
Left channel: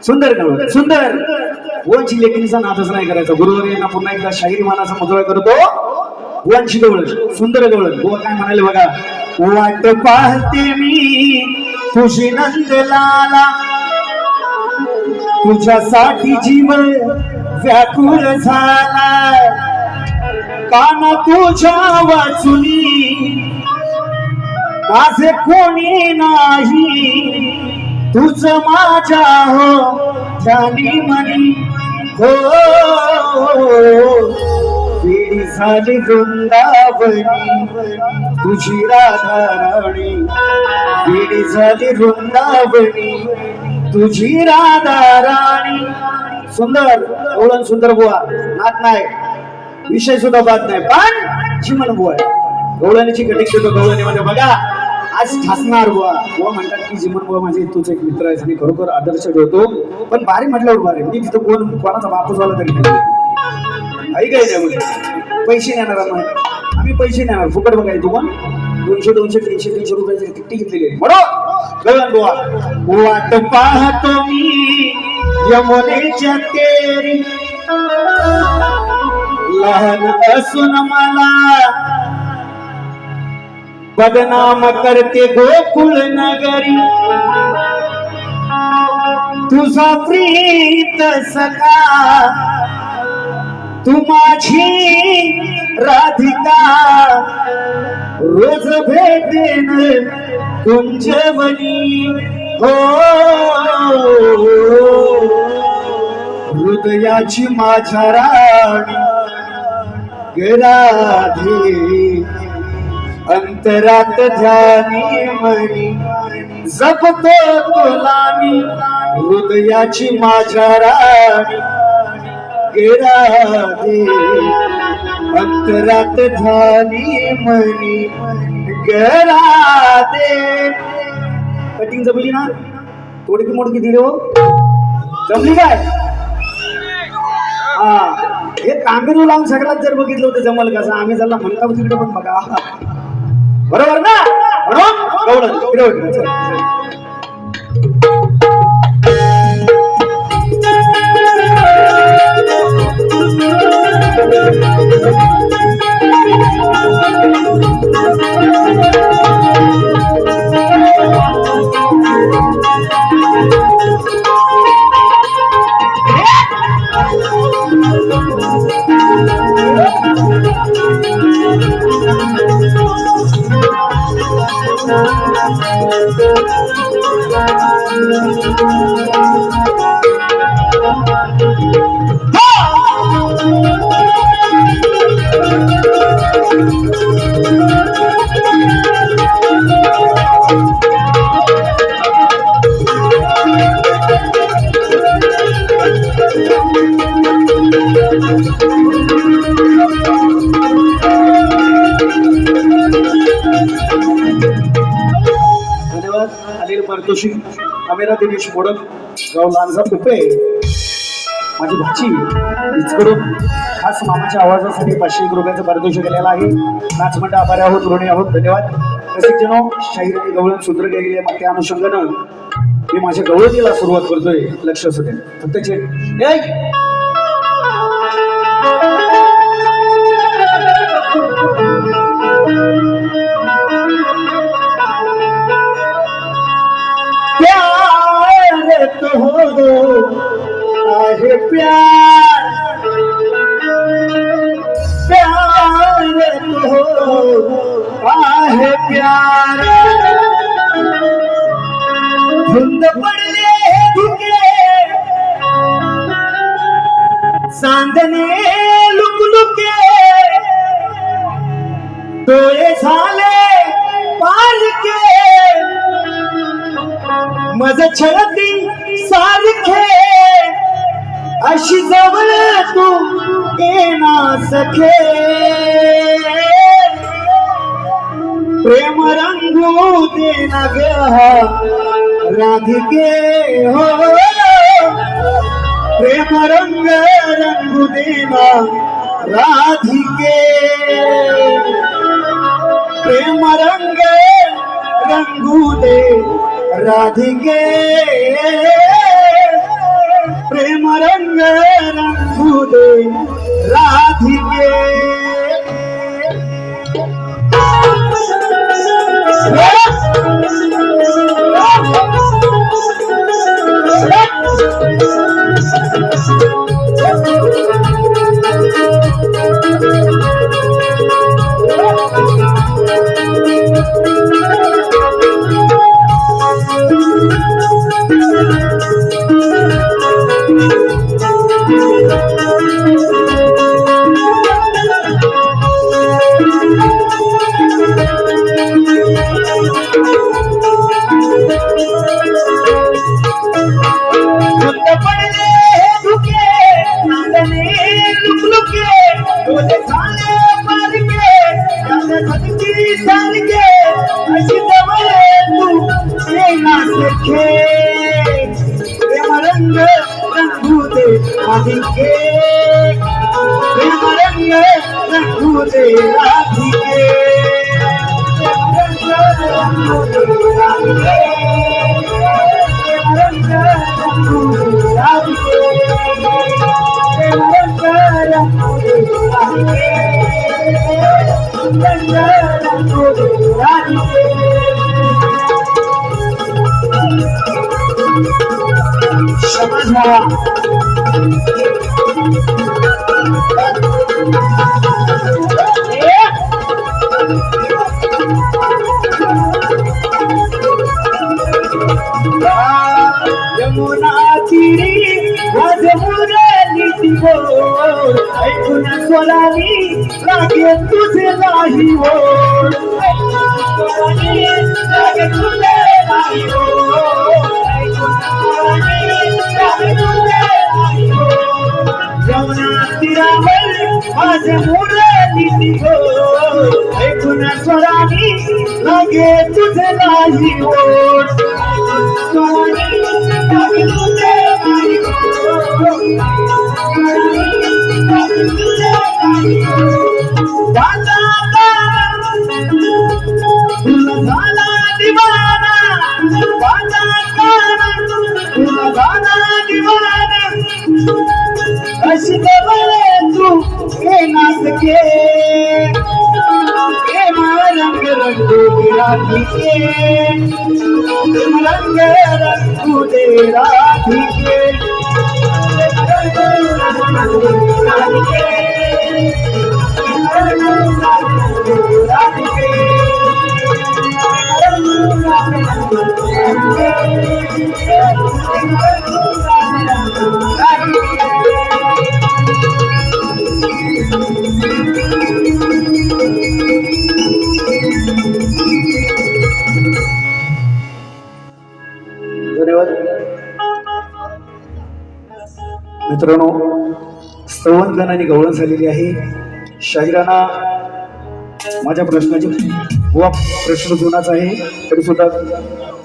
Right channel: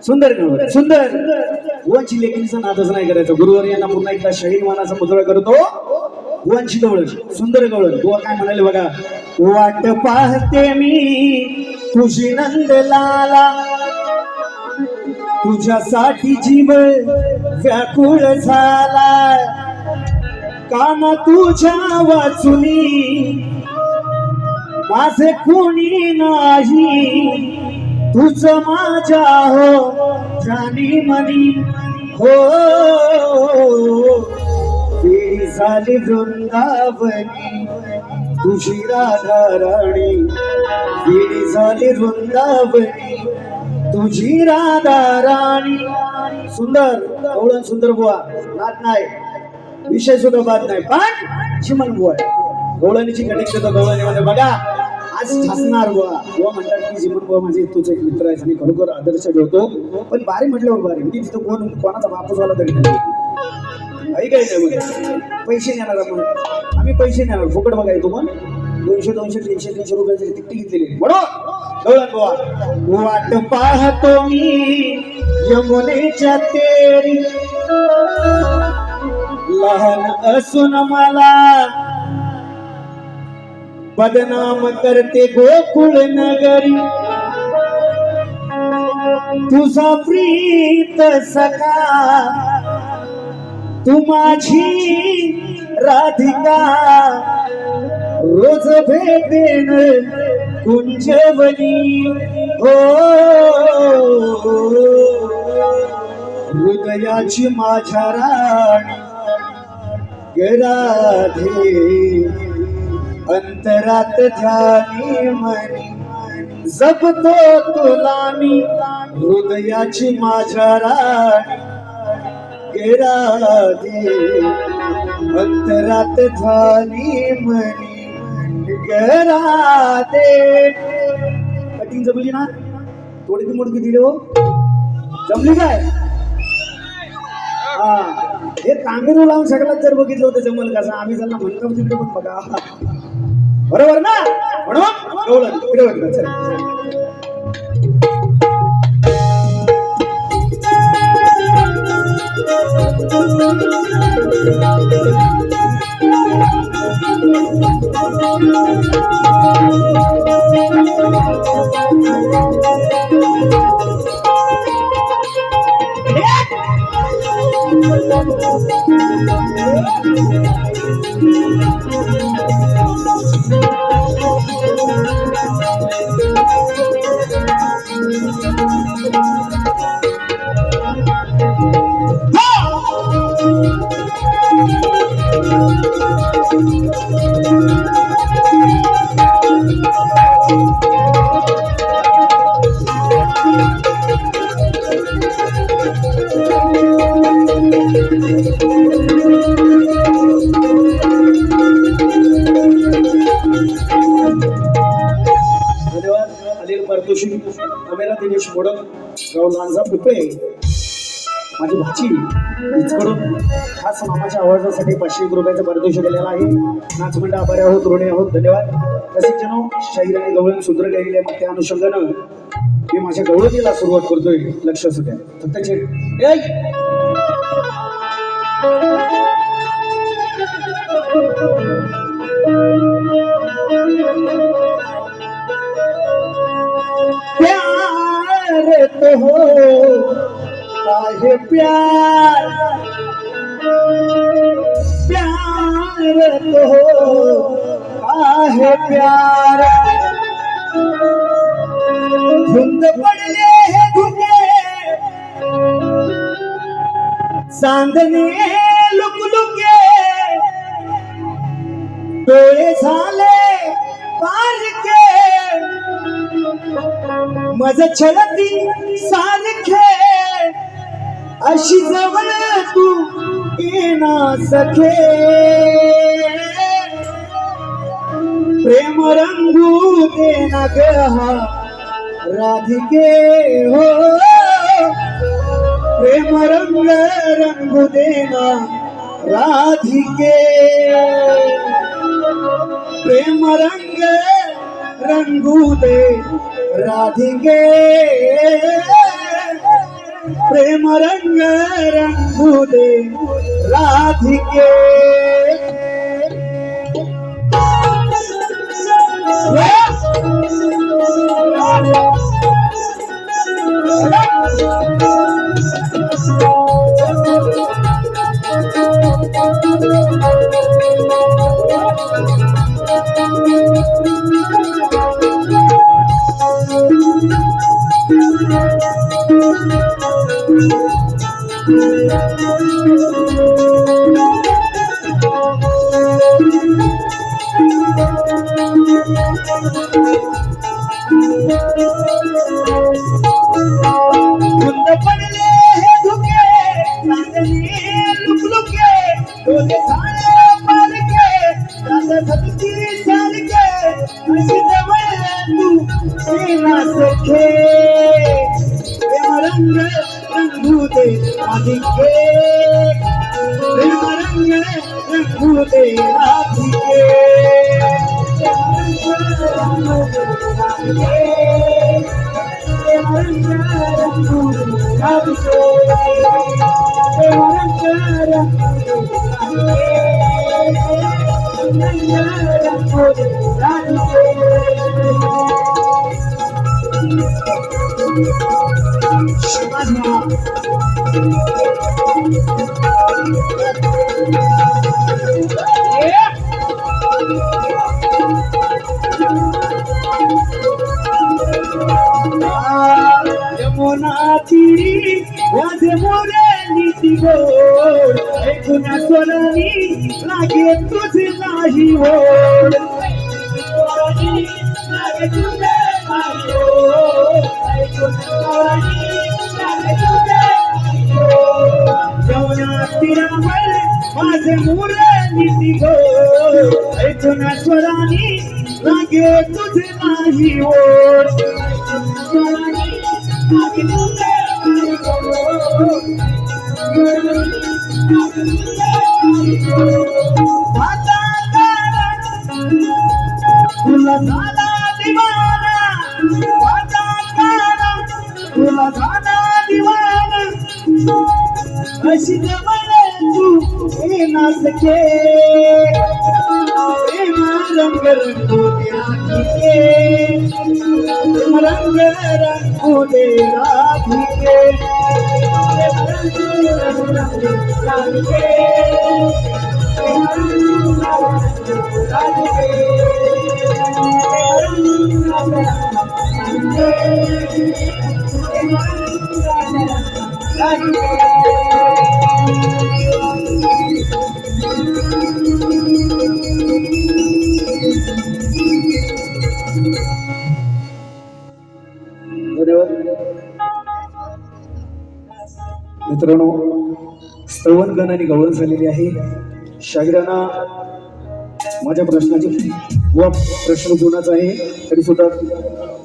सुंदर गवळण सुंदर. बुवांची लेखणीचा नादच नाही करायचा. गुरुवार यांना पुन्हा एकदा शाहीर मानाचा मुजरा करतो. बुवांची गवळण सुंदर गवळण. बुवा काय म्हणाले बघा. वाट पाहते मी तुझी नंदलाला तुझ्यासाठी जीव व्याकुळ झाला. कान तुझ्या वाचुनी माझे कोणी नाही. तुझ माझ्या हो जानी मनी. हो वेळी झाली वृंदावनी तुझी राधा राणी. वेळी झाली वृंदावनी तुझी राधा राणी. सुंदर गवळण सुंदर बुवा. नात नाही विषय सुद्धा बात नाही पण चिमण बुवा आहे. गवळणीची कटिंग देतो गवळणीमध्ये बघा. आज ठासणार बुवा. बुवा म्हणतात की जिमन बुवा माझे तूच एक मित्र आहे आणि खरोखर आदर्श ठेवतो. पण बारी म्हटल्यावर बारी म्हणजे तिथं कोणाचा बापूस वाला तरी नाही. काही नाही म्हणजे पैसे नेणार आम्ही पैसे नेणार फुकट बघाय तू पण 200 200 300 300 रुपयाची तिकटी घेतलेली म्हणून बुवा. वाट पाहतो मी यमुनेच्या तेरी लहान असून मला बदनाम करते गोकुळ नगरी. तुझा प्रीत सखा तू माझी राधिका रोज भेटेन कुंजवनी हो हृदयाची माझ्या राणी राधे अंतरात ध्यानी मनी जपतो तुला मी हृदयाची माझ्या राणी राधे अंतरात ध्यानी मनी राधे. कटिंग जमली ना? थोडी मोडकी दिली हो, जमली काय? हा, हे कांबीरू लावून सगळ्यात जर बघितलं होतं जमल कसं. आम्ही ज्याला म्हणतो तिकडे पण बघा, बरोबर ना? म्हणून तिकडे होतं. चला पारितोषिक अमेरा दिनेश मोडक, गाव लांजा कुपे, माझी भाची इचकडून खास मामाच्या आवाजासाठी 501 रुपयाचं पारितोषिक आलेलं आहे. नाचमंडळ आभारी आहोत, ऋणी आहोत, धन्यवाद. रसिक जनो, शाहीर आणि गवळण सूत्र गेलेले मग त्या अनुषंगानं मी माझ्या गवळणीला सुरुवात करतोय. लक्ष असू द्या. फक्त प्यार तो हो काहे प्यार, प्यार तो हो काहे प्यार, धुंद पडले धुके चांदणे लुकलुके, डोळे झाले पारके मज छळती सारखे, अशी जवळ तू येना सखे, प्रेम रंगू देना गया राधिके हो, प्रेम रंगू देना राधिके, प्रेम रंगू दे राधिके, प्रेम रंगू दे राधिके. समाज यमुना तीरी माझे मुरली बोल ऐकून स्वरानी लागे तुझे नाही ओढ लागे तुझे नाही ओढ ऐकून स्वरानी लागे तुझे नाही ओढ यमुना तीरावर माझे मुरली बोल ऐकून स्वरानी लागे तुझे नाही ओढ तुला झाला दिवाना तुला झाला दिवाना अशी गवळे तू हे नाचके हे रंग रंगू दे राधिके रंग रंगू दे राधिके धन्यवाद मित्रांनो. स्तवन गण आणि गवळण झालेली आहे. शाहिराना माझ्या प्रश्नाची व प्रश्न जुनाच आहे तरी सुद्धा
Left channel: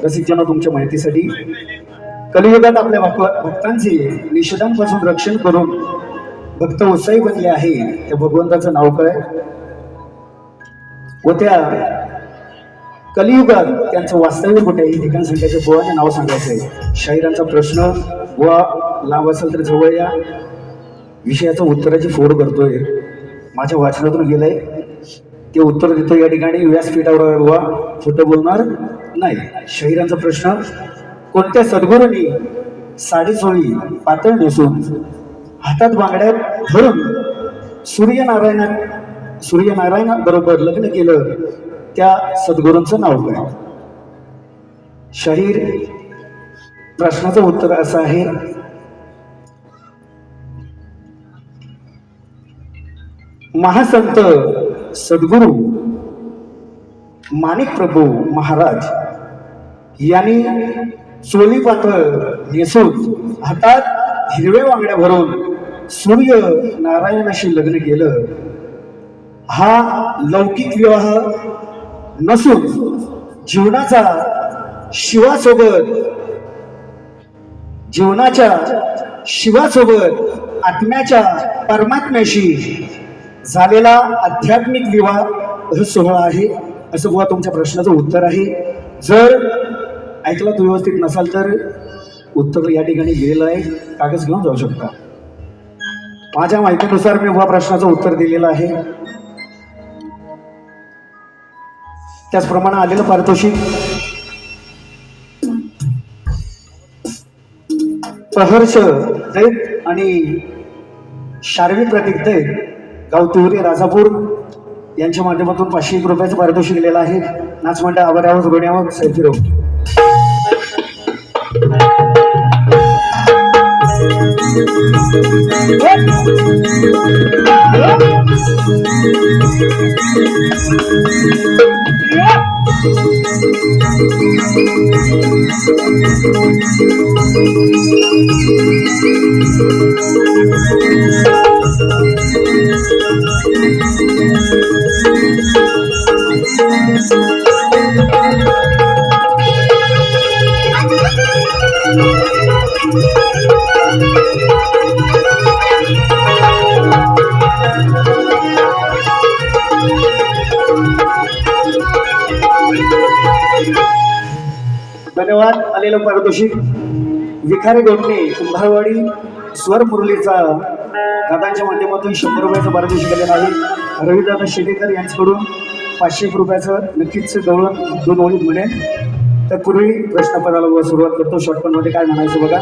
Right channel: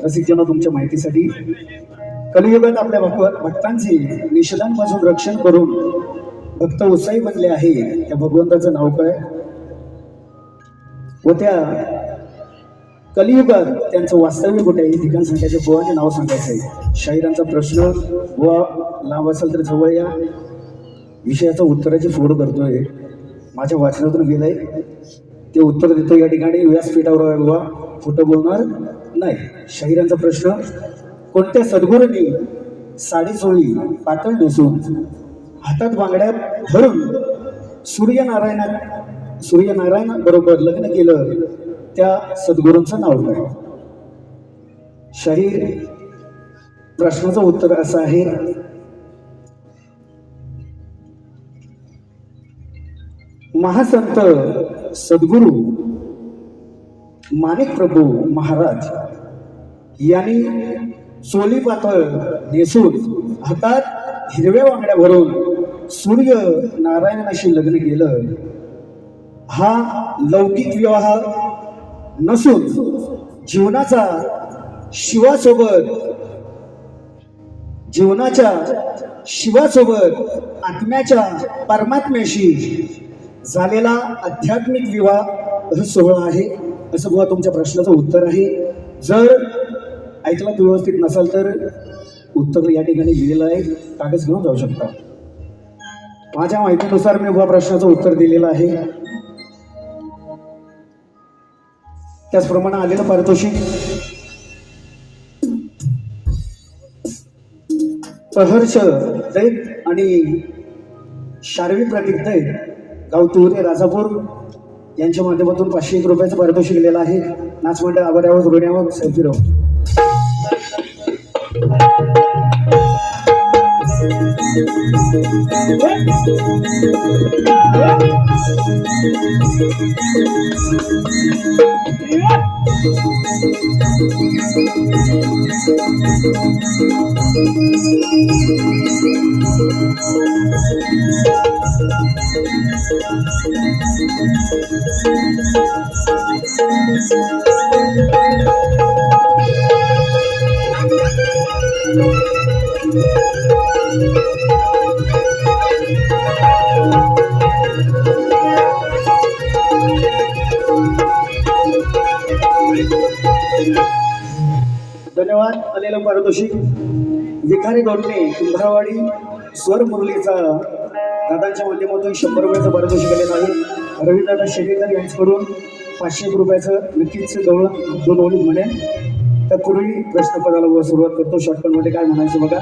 रसिकजना तुमच्या माहितीसाठी कलियुगात आपल्या भक्तांचे निषेधांपासून रक्षण करून भक्त उत्साही बनले आहे. त्या भगवंताचं नाव काय व त्या कलियुगात त्यांचं वास्तव्य कुठे आहे हे ठिकाण सांगायचे बुवाने नाव सांगायचं आहे. शाहिरांचा प्रश्न बुवा लांब असेल तर जवळ या विषयाचं उत्तराची फोड करतोय. माझ्या वाचनातून गेलंय ते उत्तर देतो या ठिकाणी व्यासपीठावर बुवा खोटं बोलणार नाही. शाहिरांचा प्रश्न कोणत्या सद्गुरूंनी साडीचोळी पातळ नेसून हातात बांगड्या धरून सूर्यनारायण बरोबर लग्न केलं त्या सद्गुरूंचं नाव काय. शाहीर प्रश्नाचं उत्तर असं आहे महासंत सद्गुरू माणिक प्रभू महाराज यांनी चोली पातळ नेसून हातात हिरव्या बांगड्या भरून सूर्य नारायणाशी लग्न केलं. हा लौकिक विवाह नसून जीवनाच्या शिवासोबत आत्म्याच्या परमात्म्याशी झालेला आध्यात्मिक विवाह सोहळा आहे असं बुवा तुमच्या प्रश्नाचं उत्तर आहे. जर ऐकला तू व्यवस्थित नसाल तर उत्तर या ठिकाणी लिहिलेलं आहे, कागद घेऊन जाऊ शकता. माझ्या माहितीनुसार मी बुवा प्रश्नाचं उत्तर दिलेलं आहे. त्याचप्रमाणे आलेलं पारितोषिक प्रहर्ष दैत आणि शार्वी प्रतीक दैत गाव तिवरी राजापूर यांच्या माध्यमातून 501 रुपयाचं पारितोषिक दिलेलं आहे. नाचमंडळ आवारावर ऋण्यावर सैफिरो. धन्यवाद. आलेलं पारितोषिक विखारे गोपणे कुंभारवाडी स्वर मुरलीचा दादांच्या माध्यमातून 100 रुपयाचं पारितोषिक आलेलं आहे. रविदादा शेडेकर यांच्याकडून 501 रुपयाचं नक्कीच दौलत 2 ओळीत म्हणेल. तत्पूर्वी प्रश्नपदाला सुरुवात करतो. शॉर्टकट मध्ये काय म्हणायचं बघा.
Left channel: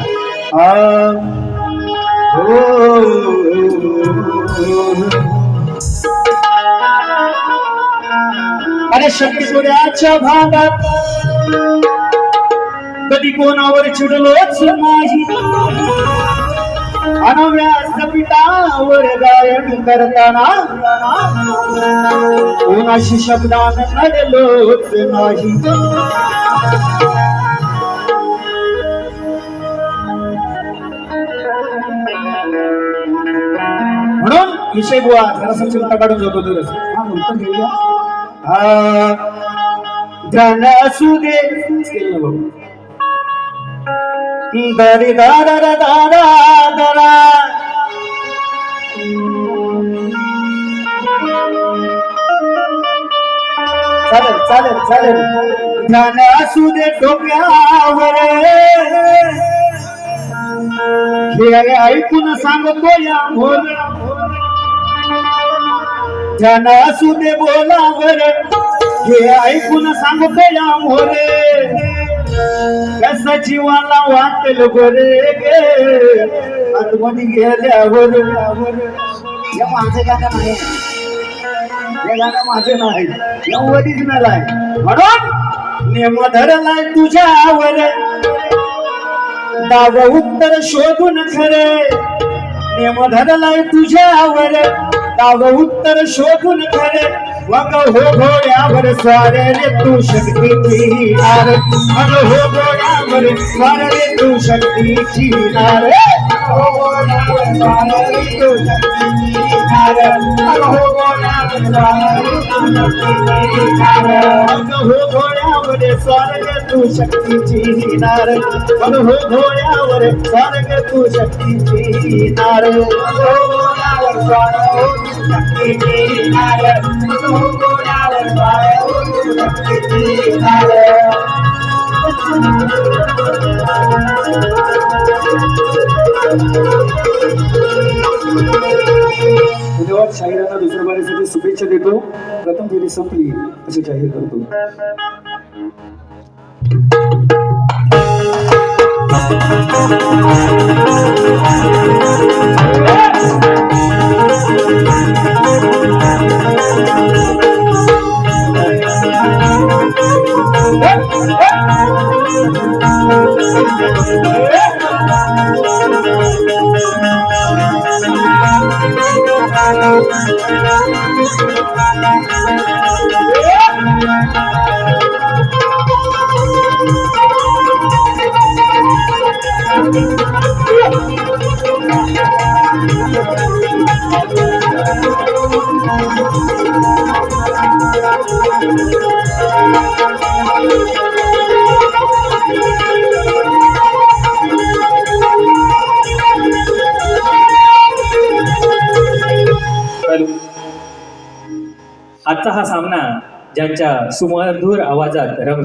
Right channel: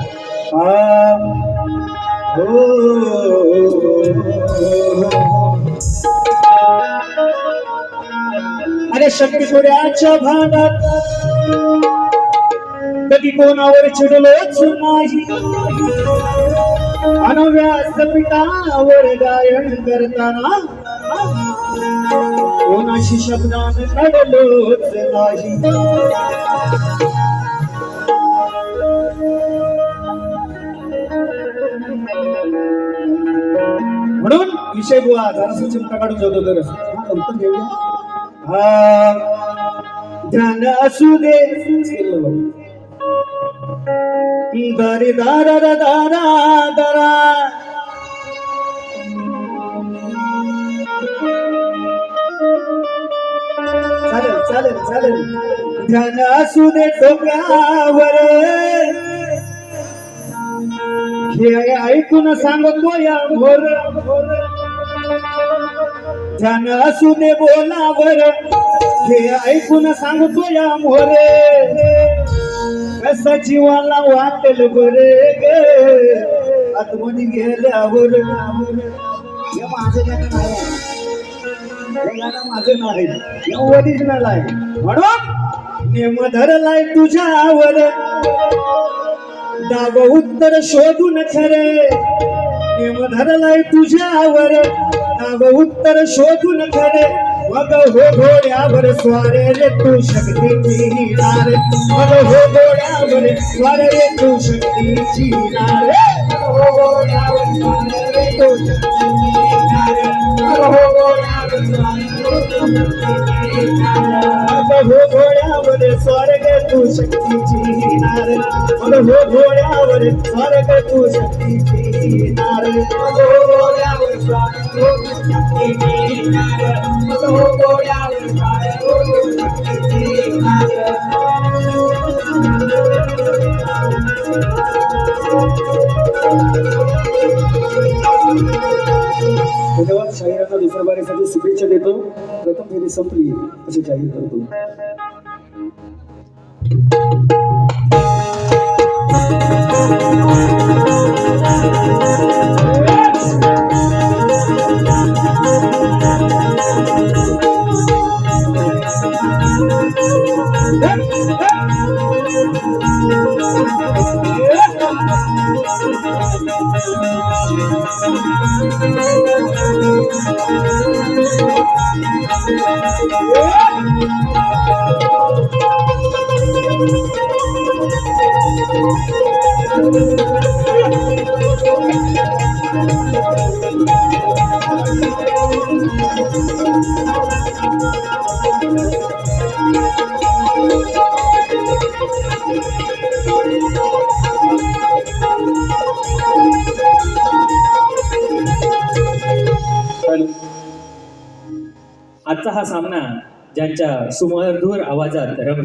अरे शक्ती सूर्याच्या भागात कधी कोणावर चिडलोच नाही अन व्यासपीठावर गायन करताना कोणाशी शब्दानं लढलोच नाही म्हणून विषय बुवा जरासा चिमटा काढून जातो तर उत्तर घेऊया ध्यान असू दे केलं बघू दरी दारा दारा दारा चालेल चालेल चालेल ध्यान असू दे डोक्यावर हे ऐकून सांगतो या मोर ध्यान असू दे बोलावर हे ऐकून सांगतो या मोरे कसा जीवाला वाटेल बरे गे आतमध्ये गेल्यावर या माझं गाणं नाही हे गाणं माझं नाही या ओरिजिनल आहे म्हणून नेम धरलाय तुझ्यावर दाव उत्तर शोधून खरे नेम धरलाय तुझ्यावर दाव उत्तर शोधून खरे मग हो घोड्यावर स्वार रे तू शक्तीची नार मग हो घोड्यावर स्वार रे तू शक्तीची नार हो घोड्यावर स्वार रे तू शक्तीची नार मग हो घोड्यावर स्वार रे तू शक्तीची नार मग हो घोड्यावर स्वार रे तू शक्तीची नार मग हो घोड्यावर स्वार रे तू शक्तीची नार मग हो घोड्यावर स्वार रे तू शक्तीची नार मग हो घोड्यावर स्वार रे तू शक्तीची नार धन्यवाद शाहिरांना दुसऱ्या बारीसाठी शुभेच्छा देतो प्रथम फेरी संपली असे जाहीर करतो आजचा हा सामना ज्यांच्या सुमधुर आवाजात रंग